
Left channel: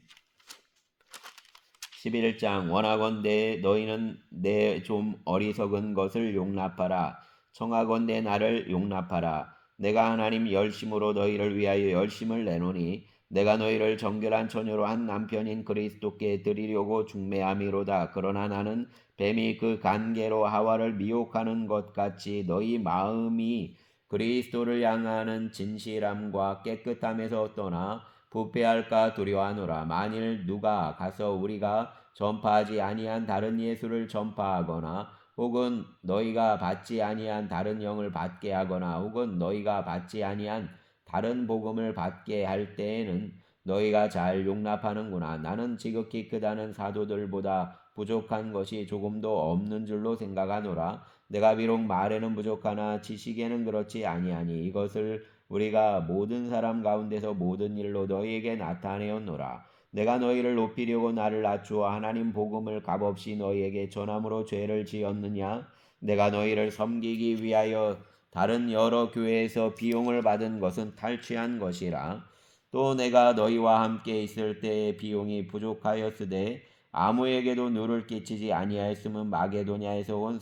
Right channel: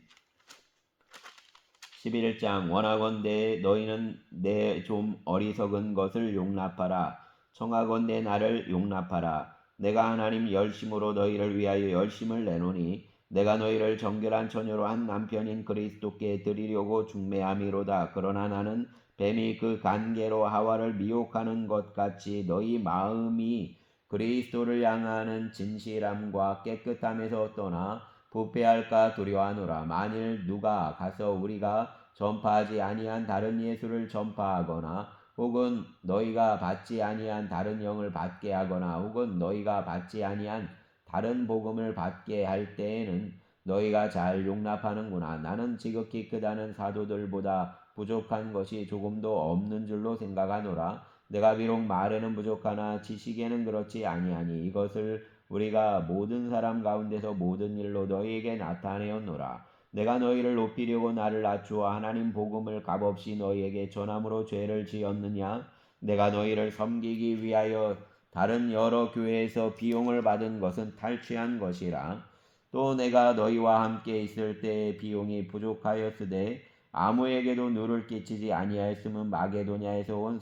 11장 원하건대 너희는 내 좀 어리석은 것을 용납하라. 청하건대 나를 용납하라. 내가 하나님 열심으로 너희를 위하여 열심을 내노니 내가 너희를 정결한 처녀로 한 남편인 그리스도께 드리려고 중매함이로다. 그러나 나는 뱀이 그 간계로 하와를 미혹하는 것 같이 너희 마음이 그리스도를 향하는 진실함과 깨끗함에서 떠나 부패할까 두려워하노라. 만일 누가 가서 우리가 전파하지 아니한 다른 예수를 전파하거나 혹은 너희가 받지 아니한 다른 영을 받게 하거나 혹은 너희가 받지 아니한 다른 복음을 받게 할 때에는 너희가 잘 용납하는구나. 나는 지극히 크다는 사도들보다 부족한 것이 조금도 없는 줄로 생각하노라. 내가 비록 말에는 부족하나 지식에는 그렇지 아니하니 이것을 우리가 모든 사람 가운데서 모든 일로 너희에게 나타내었노라. 내가 너희를 높이려고 나를 낮추어 하나님 복음을 값없이 너희에게 전함으로 죄를 지었느냐? 내가 너희를 섬기기 위하여 다른 여러 교회에서 비용을 받은 것은 탈취한 것이라. 또 내가 너희와 함께 있을 때의 비용이 부족하였으되 아무에게도 누를 끼치지 아니하였음은 마게도냐에서 온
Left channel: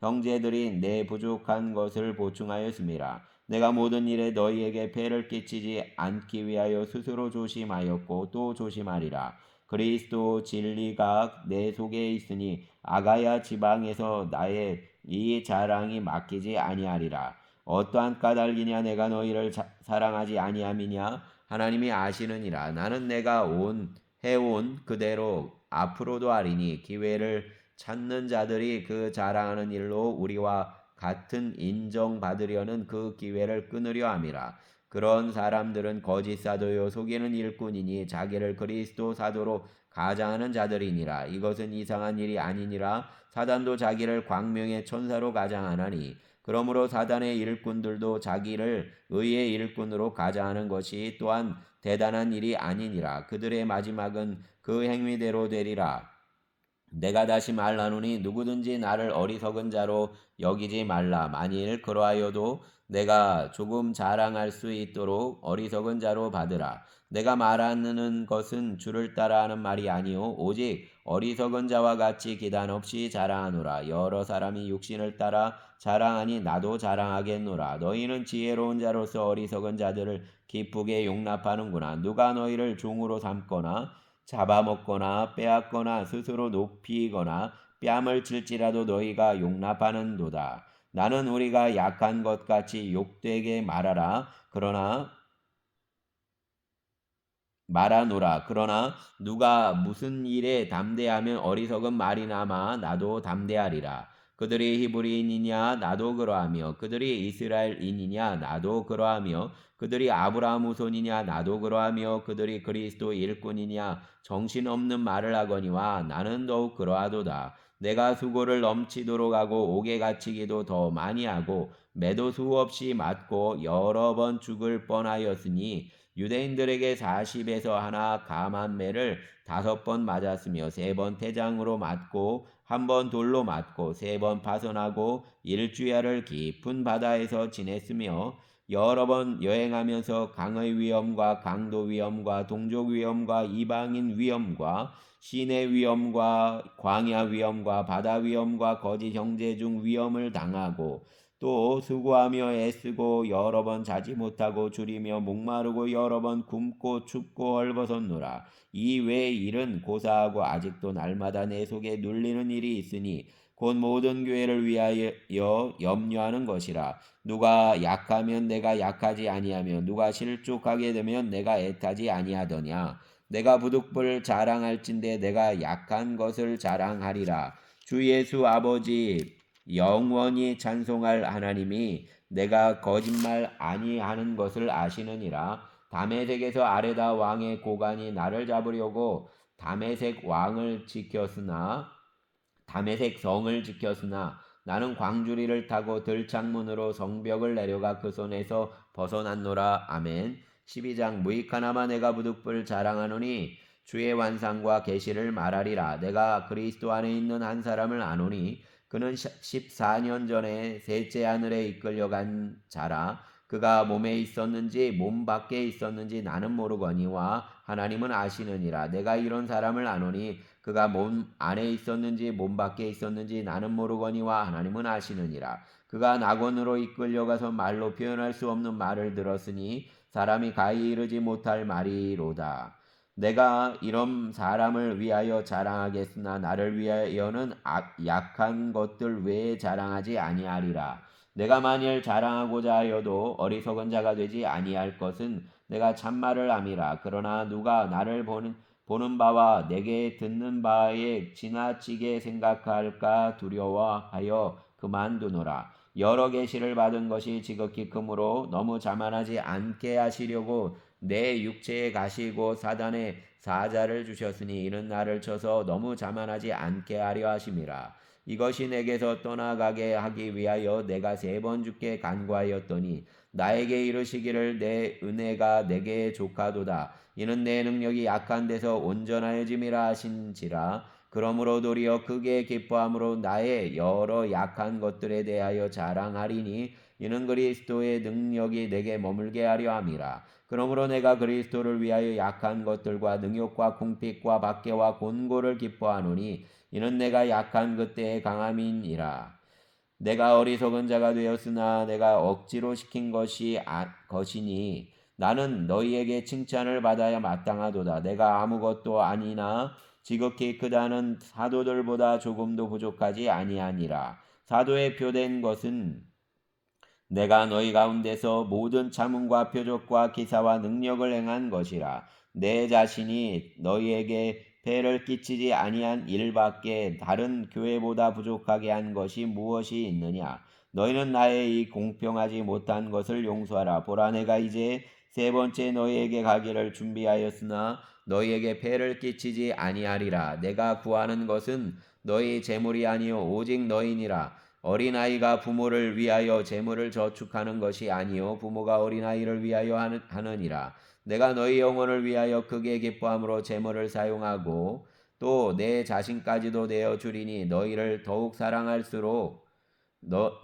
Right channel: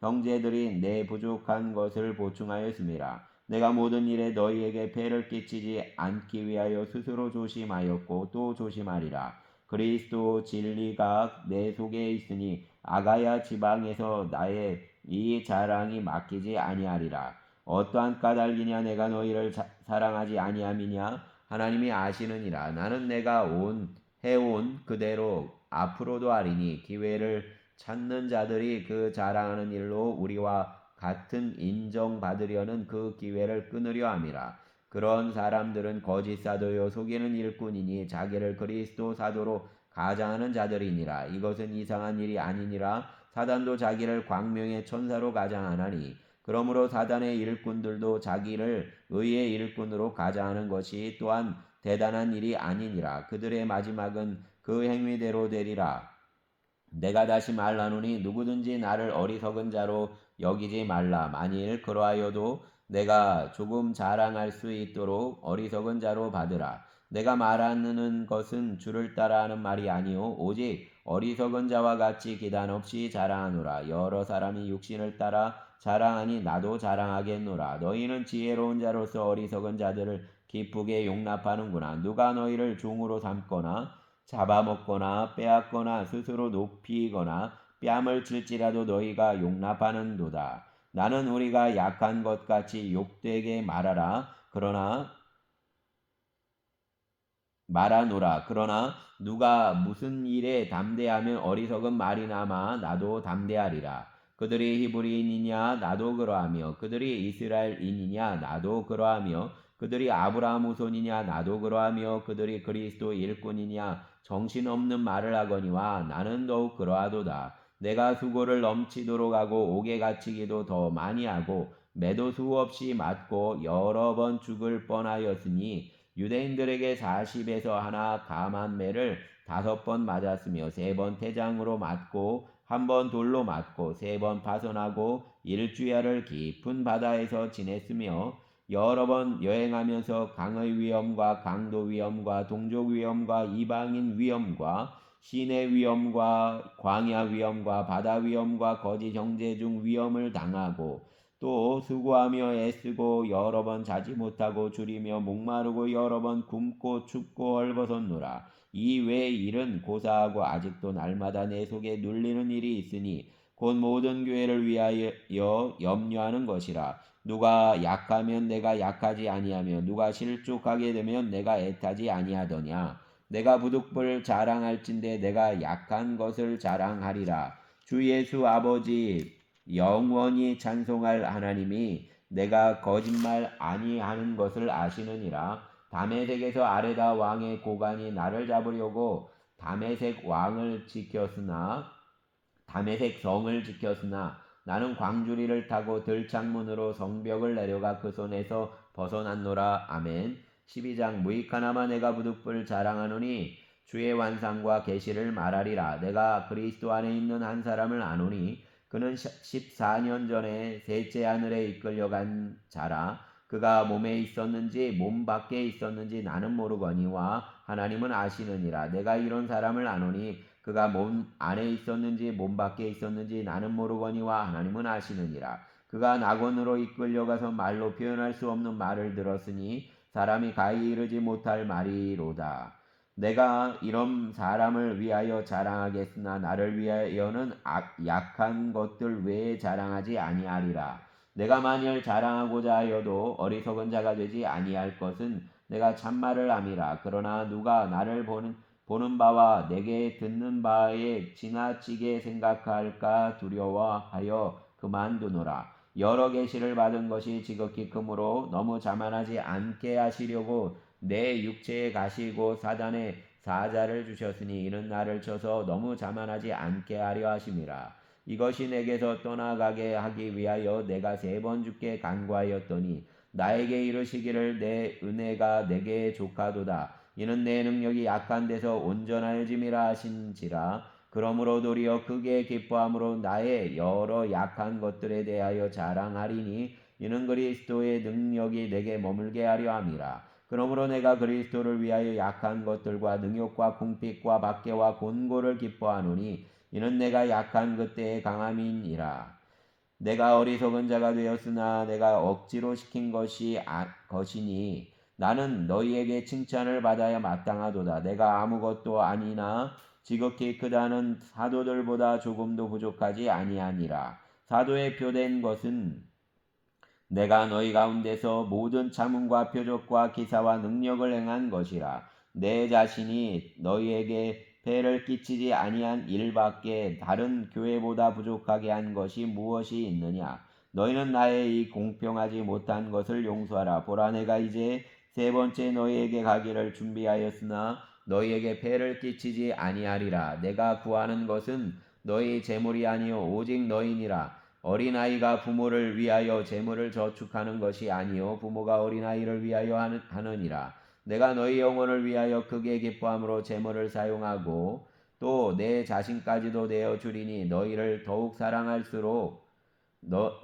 형제들이 내 부족한 것을 보충하였음이라. 내가 모든 일에 너희에게 폐를 끼치지 않기 위하여 스스로 조심하였고 또 조심하리라. 그리스도 진리가 내 속에 있으니 아가야 지방에서 나의 이 자랑이 맡기지 아니하리라. 어떠한 까닭이냐? 내가 너희를 사랑하지 아니함이냐? 하나님이 아시느니라. 나는 내가 해온 그대로 앞으로도 하리니 기회를 찾는 자들이 그 자랑하는 일로 우리와 같은 인정받으려는 그 기회를 끊으려 함이라. 그런 사람들은 거짓 사도요 속이는 일꾼이니 자기를 그리스도 사도로 가장하는 자들이니라. 이것은 이상한 일이 아니니라. 사단도 자기를 광명의 천사로 가장하나니 그러므로 사단의 일꾼들도 자기를 의의 일꾼으로 가장하는 것이 또한 대단한 일이 아니니라. 그들의 마지막은 그 행위대로 되리라. 내가 다시 말하노니 누구든지 나를 어리석은 자로 여기지 말라. 만일 그러하여도 내가 조금 자랑할 수 있도록 어리석은 자로 받으라. 내가 말하는 것은 주를 따라 하는 말이 아니요 오직 어리석은 자와 같이 기단 없이 자랑하노라. 여러 사람이 육신을 따라 자랑하니 나도 자랑하겠노라. 너희는 지혜로운 자로서 어리석은 자들을 기쁘게 용납하는구나. 누가 너희를 종으로 삼거나 잡아먹거나 빼앗거나 스스로 높이거나 뺨을 칠지라도 너희가 용납하는도다. 나는 우리가 약한 것 같이 욕되게 말하노라. 그러나 누가 무슨 일에 담대하면 어리석은 말이나마 나도 담대하리라. 그들이 히브리인이냐 나도 그러하며 그들이 이스라엘인이냐 나도 그러하며 그들이 아브라함 후손이냐 나도 그러하며 그들이 그리스도 일꾼이냐 정신없는 말을 하거니와 나는 더욱 그러하도다. 내가 수고를 넘치도록 하고 옥에 갇히기도 더 많이 하고 매도 수없이 맞고 여러 번 죽을 뻔하였으니 유대인들에게 40에서 하나 감한 매를 5번 맞았으며 3번 태장으로 맞고 1번 돌로 맞고 3번 파선하고 일주야를 깊은 바다에서 지냈으며 여러 번 여행하면서 강의 위험과 강도 위험과 동족 위험과 이방인 위험과 시내 위험과 광야 위험과 바다 위험과 거짓 형제 중 위험을 당하고 또 수고하며 애쓰고 여러 번 자지 못하고 줄이며 목마르고 여러 번 굶고 춥고 헐벗었노라. 이 외의 일은 고사하고 아직도 날마다 내 속에 눌리는 일이 있으니 곧 모든 교회를 위하여 염려하는 것이라. 누가 약하면 내가 약하지 아니하며 누가 실족하게 되면 내가 애타지 아니하더냐. 내가 부득불 자랑할진대 내가 약한 것을 자랑하리라. 주 예수 아버지 영원히 찬송할 하나님이 내가 거짓말 아니하는 것을 아시느니라. 다메섹에서 아레다 왕의 고관이 나를 잡으려고 다메섹 성을 지켰으나 나는 광주리를 타고 들창문으로 성벽을 내려가 그 손에서 벗어났노라. 아멘. 12장 무익하나마 내가 부득불 자랑하노니 주의 완상과 계시를 말하리라. 내가 그리스도 안에 있는 한 사람을 아노니 그는 14년 전에 셋째 하늘에 이끌려간 자라. 그가 몸에 있었는지 몸 밖에 있었는지 나는 모르거니와 하나님은 아시느니라. 내가 이런 사람을 아노니 그가 몸 안에 있었는지 몸 밖에 있었는지 나는 모르거니와 하나님은 아시느니라. 그가 낙원으로 이끌려가서 말로 표현할 수 없는 말을 들었으니 사람이 가히 이르지 못할 말이로다. 내가 이런 사람을 위하여 자랑하겠으나 나를 위하여는 약한 것들 외에 자랑하지 아니하리라. 내가 만일 자랑하고자 하여도 어리석은 자가 되지 아니할 것은 내가 참말을 함이라. 그러나 누가 나를 보는 바와 내게 듣는 바에 지나치게 생각할까 두려워하여 그만두노라. 여러 계시를 받은 것이 지극히 크므로 너무 자만하지 않게 하시려고 내 육체에 가시고 사단의 사자를 주셨으니 이는 나를 쳐서 너무 자만하지 않게 하려 하심이라. 이것이 내게서 떠나가게 하기 위하여 내가 3번 주께 간구하였더니 나에게 이르시기를 내 은혜가 내게 족하도다. 이는 내 능력이 약한 데서 온전하여짐이라 하신지라. 그러므로 도리어 크게 기뻐함으로 나의 여러 약한 것들에 대하여 자랑하리니 이는 그리스도의 능력이 내게 머물게 하려 함이라. 그러므로 내가 그리스도를 위하여 약한 것들과 능욕과 궁핍과 박해와 곤고를 기뻐하노니 이는 내가 약한 그때의 강함이니라. 내가 어리석은 자가 되었으나 내가 억지로 시킨 것이니 나는 너희에게 칭찬을 받아야 마땅하도다. 내가 아무것도 아니나 지극히 크다는 사도들보다 조금도 부족하지 아니하니라. 사도의 표된 것은 내가 너희 가운데서 모든 참음과 표적과 기사와 능력을 행한 것이라. 내 자신이 너희에게 폐를 끼치지 아니한 일밖에 다른 교회보다 부족하게 한 것이 무엇이 있느냐. 너희는 나의 이 공평하지 못한 것을 용서하라. 보라, 내가 이제 3번째 너희에게 가기를 준비하였으나 너희에게 폐를 끼치지 아니하리라. 내가 구하는 것은 너희 재물이 아니요 오직 너희니라. 어린아이가 부모를 위하여 재물을 저축하는 것이 아니요 부모가 어린아이를 위하여 하느니라. 내가 너희 영혼을 위하여 크게 기뻐함으로 재물을 사용하고 또 내 자신까지도 내어 주리니 너희를 더욱 사랑할수록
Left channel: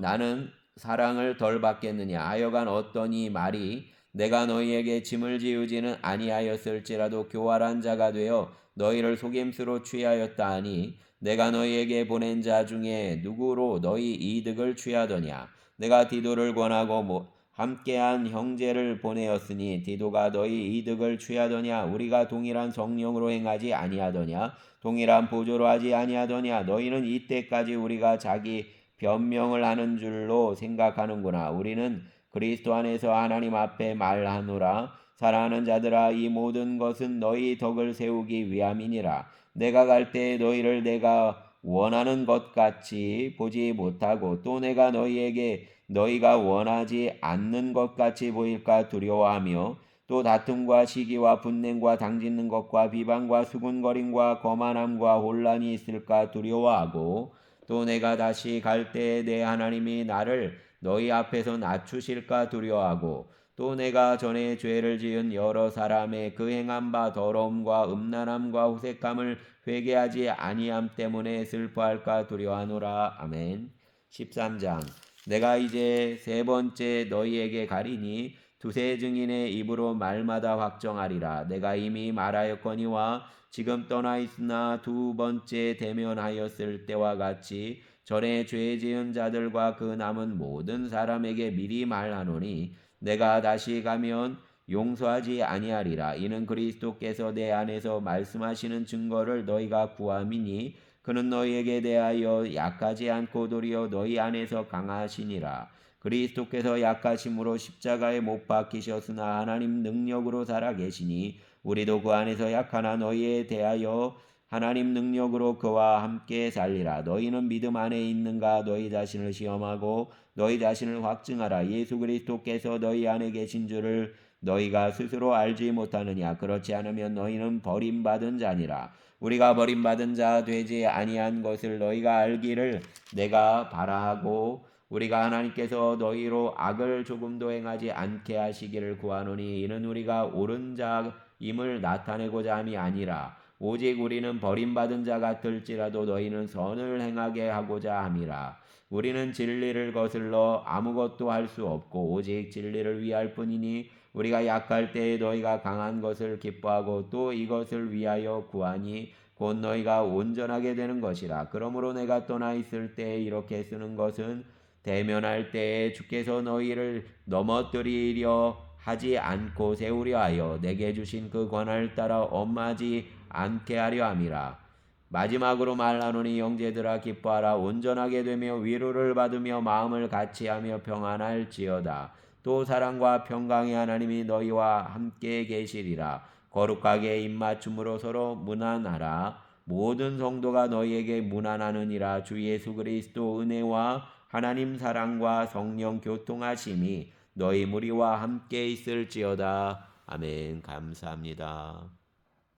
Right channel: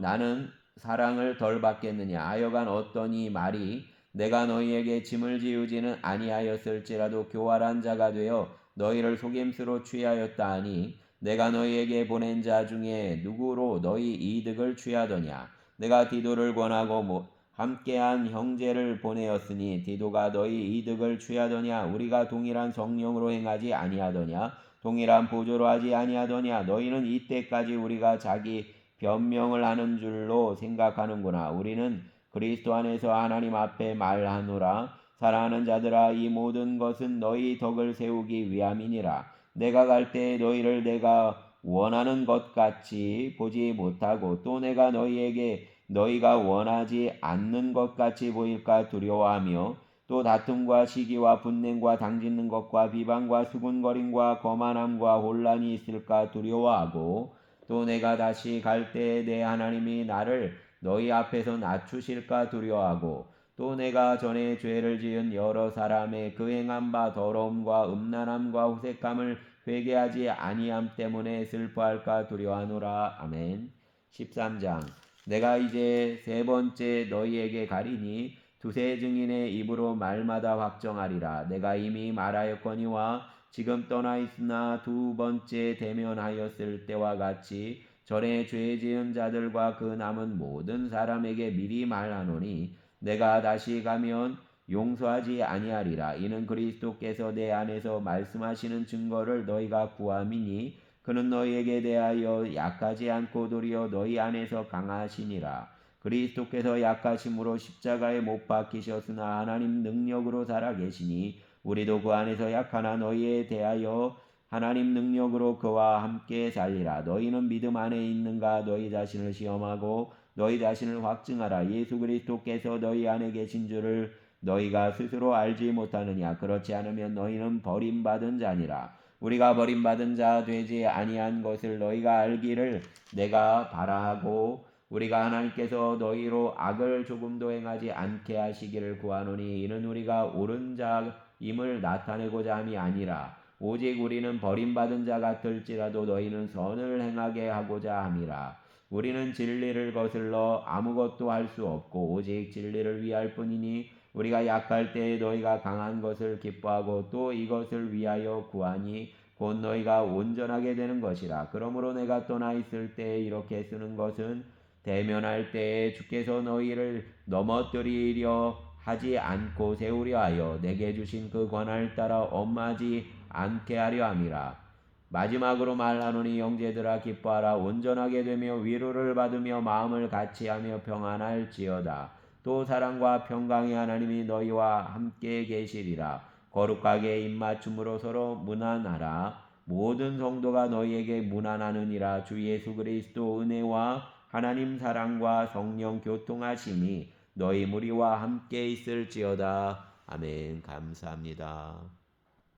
나는 사랑을 덜 받겠느냐. 하여간 어떤 이 말이 내가 너희에게 짐을 지우지는 아니하였을지라도 교활한 자가 되어 너희를 속임수로 취하였다 하니 내가 너희에게 보낸 자 중에 누구로 너희 이득을 취하더냐. 내가 디도를 권하고 함께한 형제를 보내었으니 디도가 너희 이득을 취하더냐. 우리가 동일한 성령으로 행하지 아니하더냐. 동일한 보조로 하지 아니하더냐. 너희는 이때까지 우리가 자기 변명을 하는 줄로 생각하는구나. 우리는 그리스도 안에서 하나님 앞에 말하노라. 사랑하는 자들아, 이 모든 것은 너희 덕을 세우기 위함이니라. 내가 갈 때에 너희를 내가 원하는 것 같이 보지 못하고 또 내가 너희에게 너희가 원하지 않는 것 같이 보일까 두려워하며 또 다툼과 시기와 분냉과 당짓는 것과 비방과 수군거림과 거만함과 혼란이 있을까 두려워하고 또 내가 다시 갈 때에 내 하나님이 나를 너희 앞에서 낮추실까 두려워하고 또 내가 전에 죄를 지은 여러 사람의 그 행한 바 더러움과 음란함과 후색함을 회개하지 아니함 때문에 슬퍼할까 두려워하노라. 아멘. 13장. 내가 이제 3번째 너희에게 가리니 두세 증인의 입으로 말마다 확정하리라. 내가 이미 말하였거니와 지금 떠나 있으나 2번째 대면하였을 때와 같이 전에 죄 지은 자들과 그 남은 모든 사람에게 미리 말하노니 내가 다시 가면 용서하지 아니하리라. 이는 그리스도께서 내 안에서 말씀하시는 증거를 너희가 구함이니 그는 너희에게 대하여 약하지 않고 도리어 너희 안에서 강하시니라. 그리스도께서 약하심으로 십자가에 못 박히셨으나 하나님 능력으로 살아계시니 우리도 그 안에서 약하나 너희에 대하여 하나님 능력으로 그와 함께 살리라. 너희는 믿음 안에 있는가? 너희 자신을 시험하고 너희 자신을 확증하라. 예수 그리스도께서 너희 안에 계신 줄을 너희가 스스로 알지 못하느냐? 그렇지 않으면 너희는 버림받은 자니라. 우리가 버림받은 자 되지 아니한 것을 너희가 알기를 내가 바라하고 우리가 하나님께서 너희로 악을 조금도 행하지 않게 하시기를 구하노니 이는 우리가 옳은 자임을 나타내고자 함이 아니라 오직 우리는 버림받은 자 같을지라도 너희는 선을 행하게 하고자 함이라. 우리는 진리를 거슬러 아무것도 할 수 없고 오직 진리를 위할 뿐이니 우리가 약할 때에 너희가 강한 것을 기뻐하고 또 이것을 위하여 구하니 곧 너희가 온전하게 되는 것이라. 그러므로 내가 떠나 있을 때에 이렇게 쓰는 것은 대면할 때에 주께서 너희를 넘어뜨리려 하지 않고 세우려 하여 내게 주신 그 권한을 따라 엄하지 않게 하려 함이라. 마지막으로 말하노니 형제들아 기뻐하라. 온전하게 되며 위로를 받으며 마음을 같이하며 평안할지어다. 또 사랑과 평강의 하나님이 너희와 함께 계시리라. 거룩하게 입맞춤으로 서로 문안하라. 모든 성도가 너희에게 문안하느니라. 주 예수 그리스도 은혜와 하나님 사랑과 성령 교통하심이 너희 무리와 함께 있을지어다. 아멘. 감사합니다.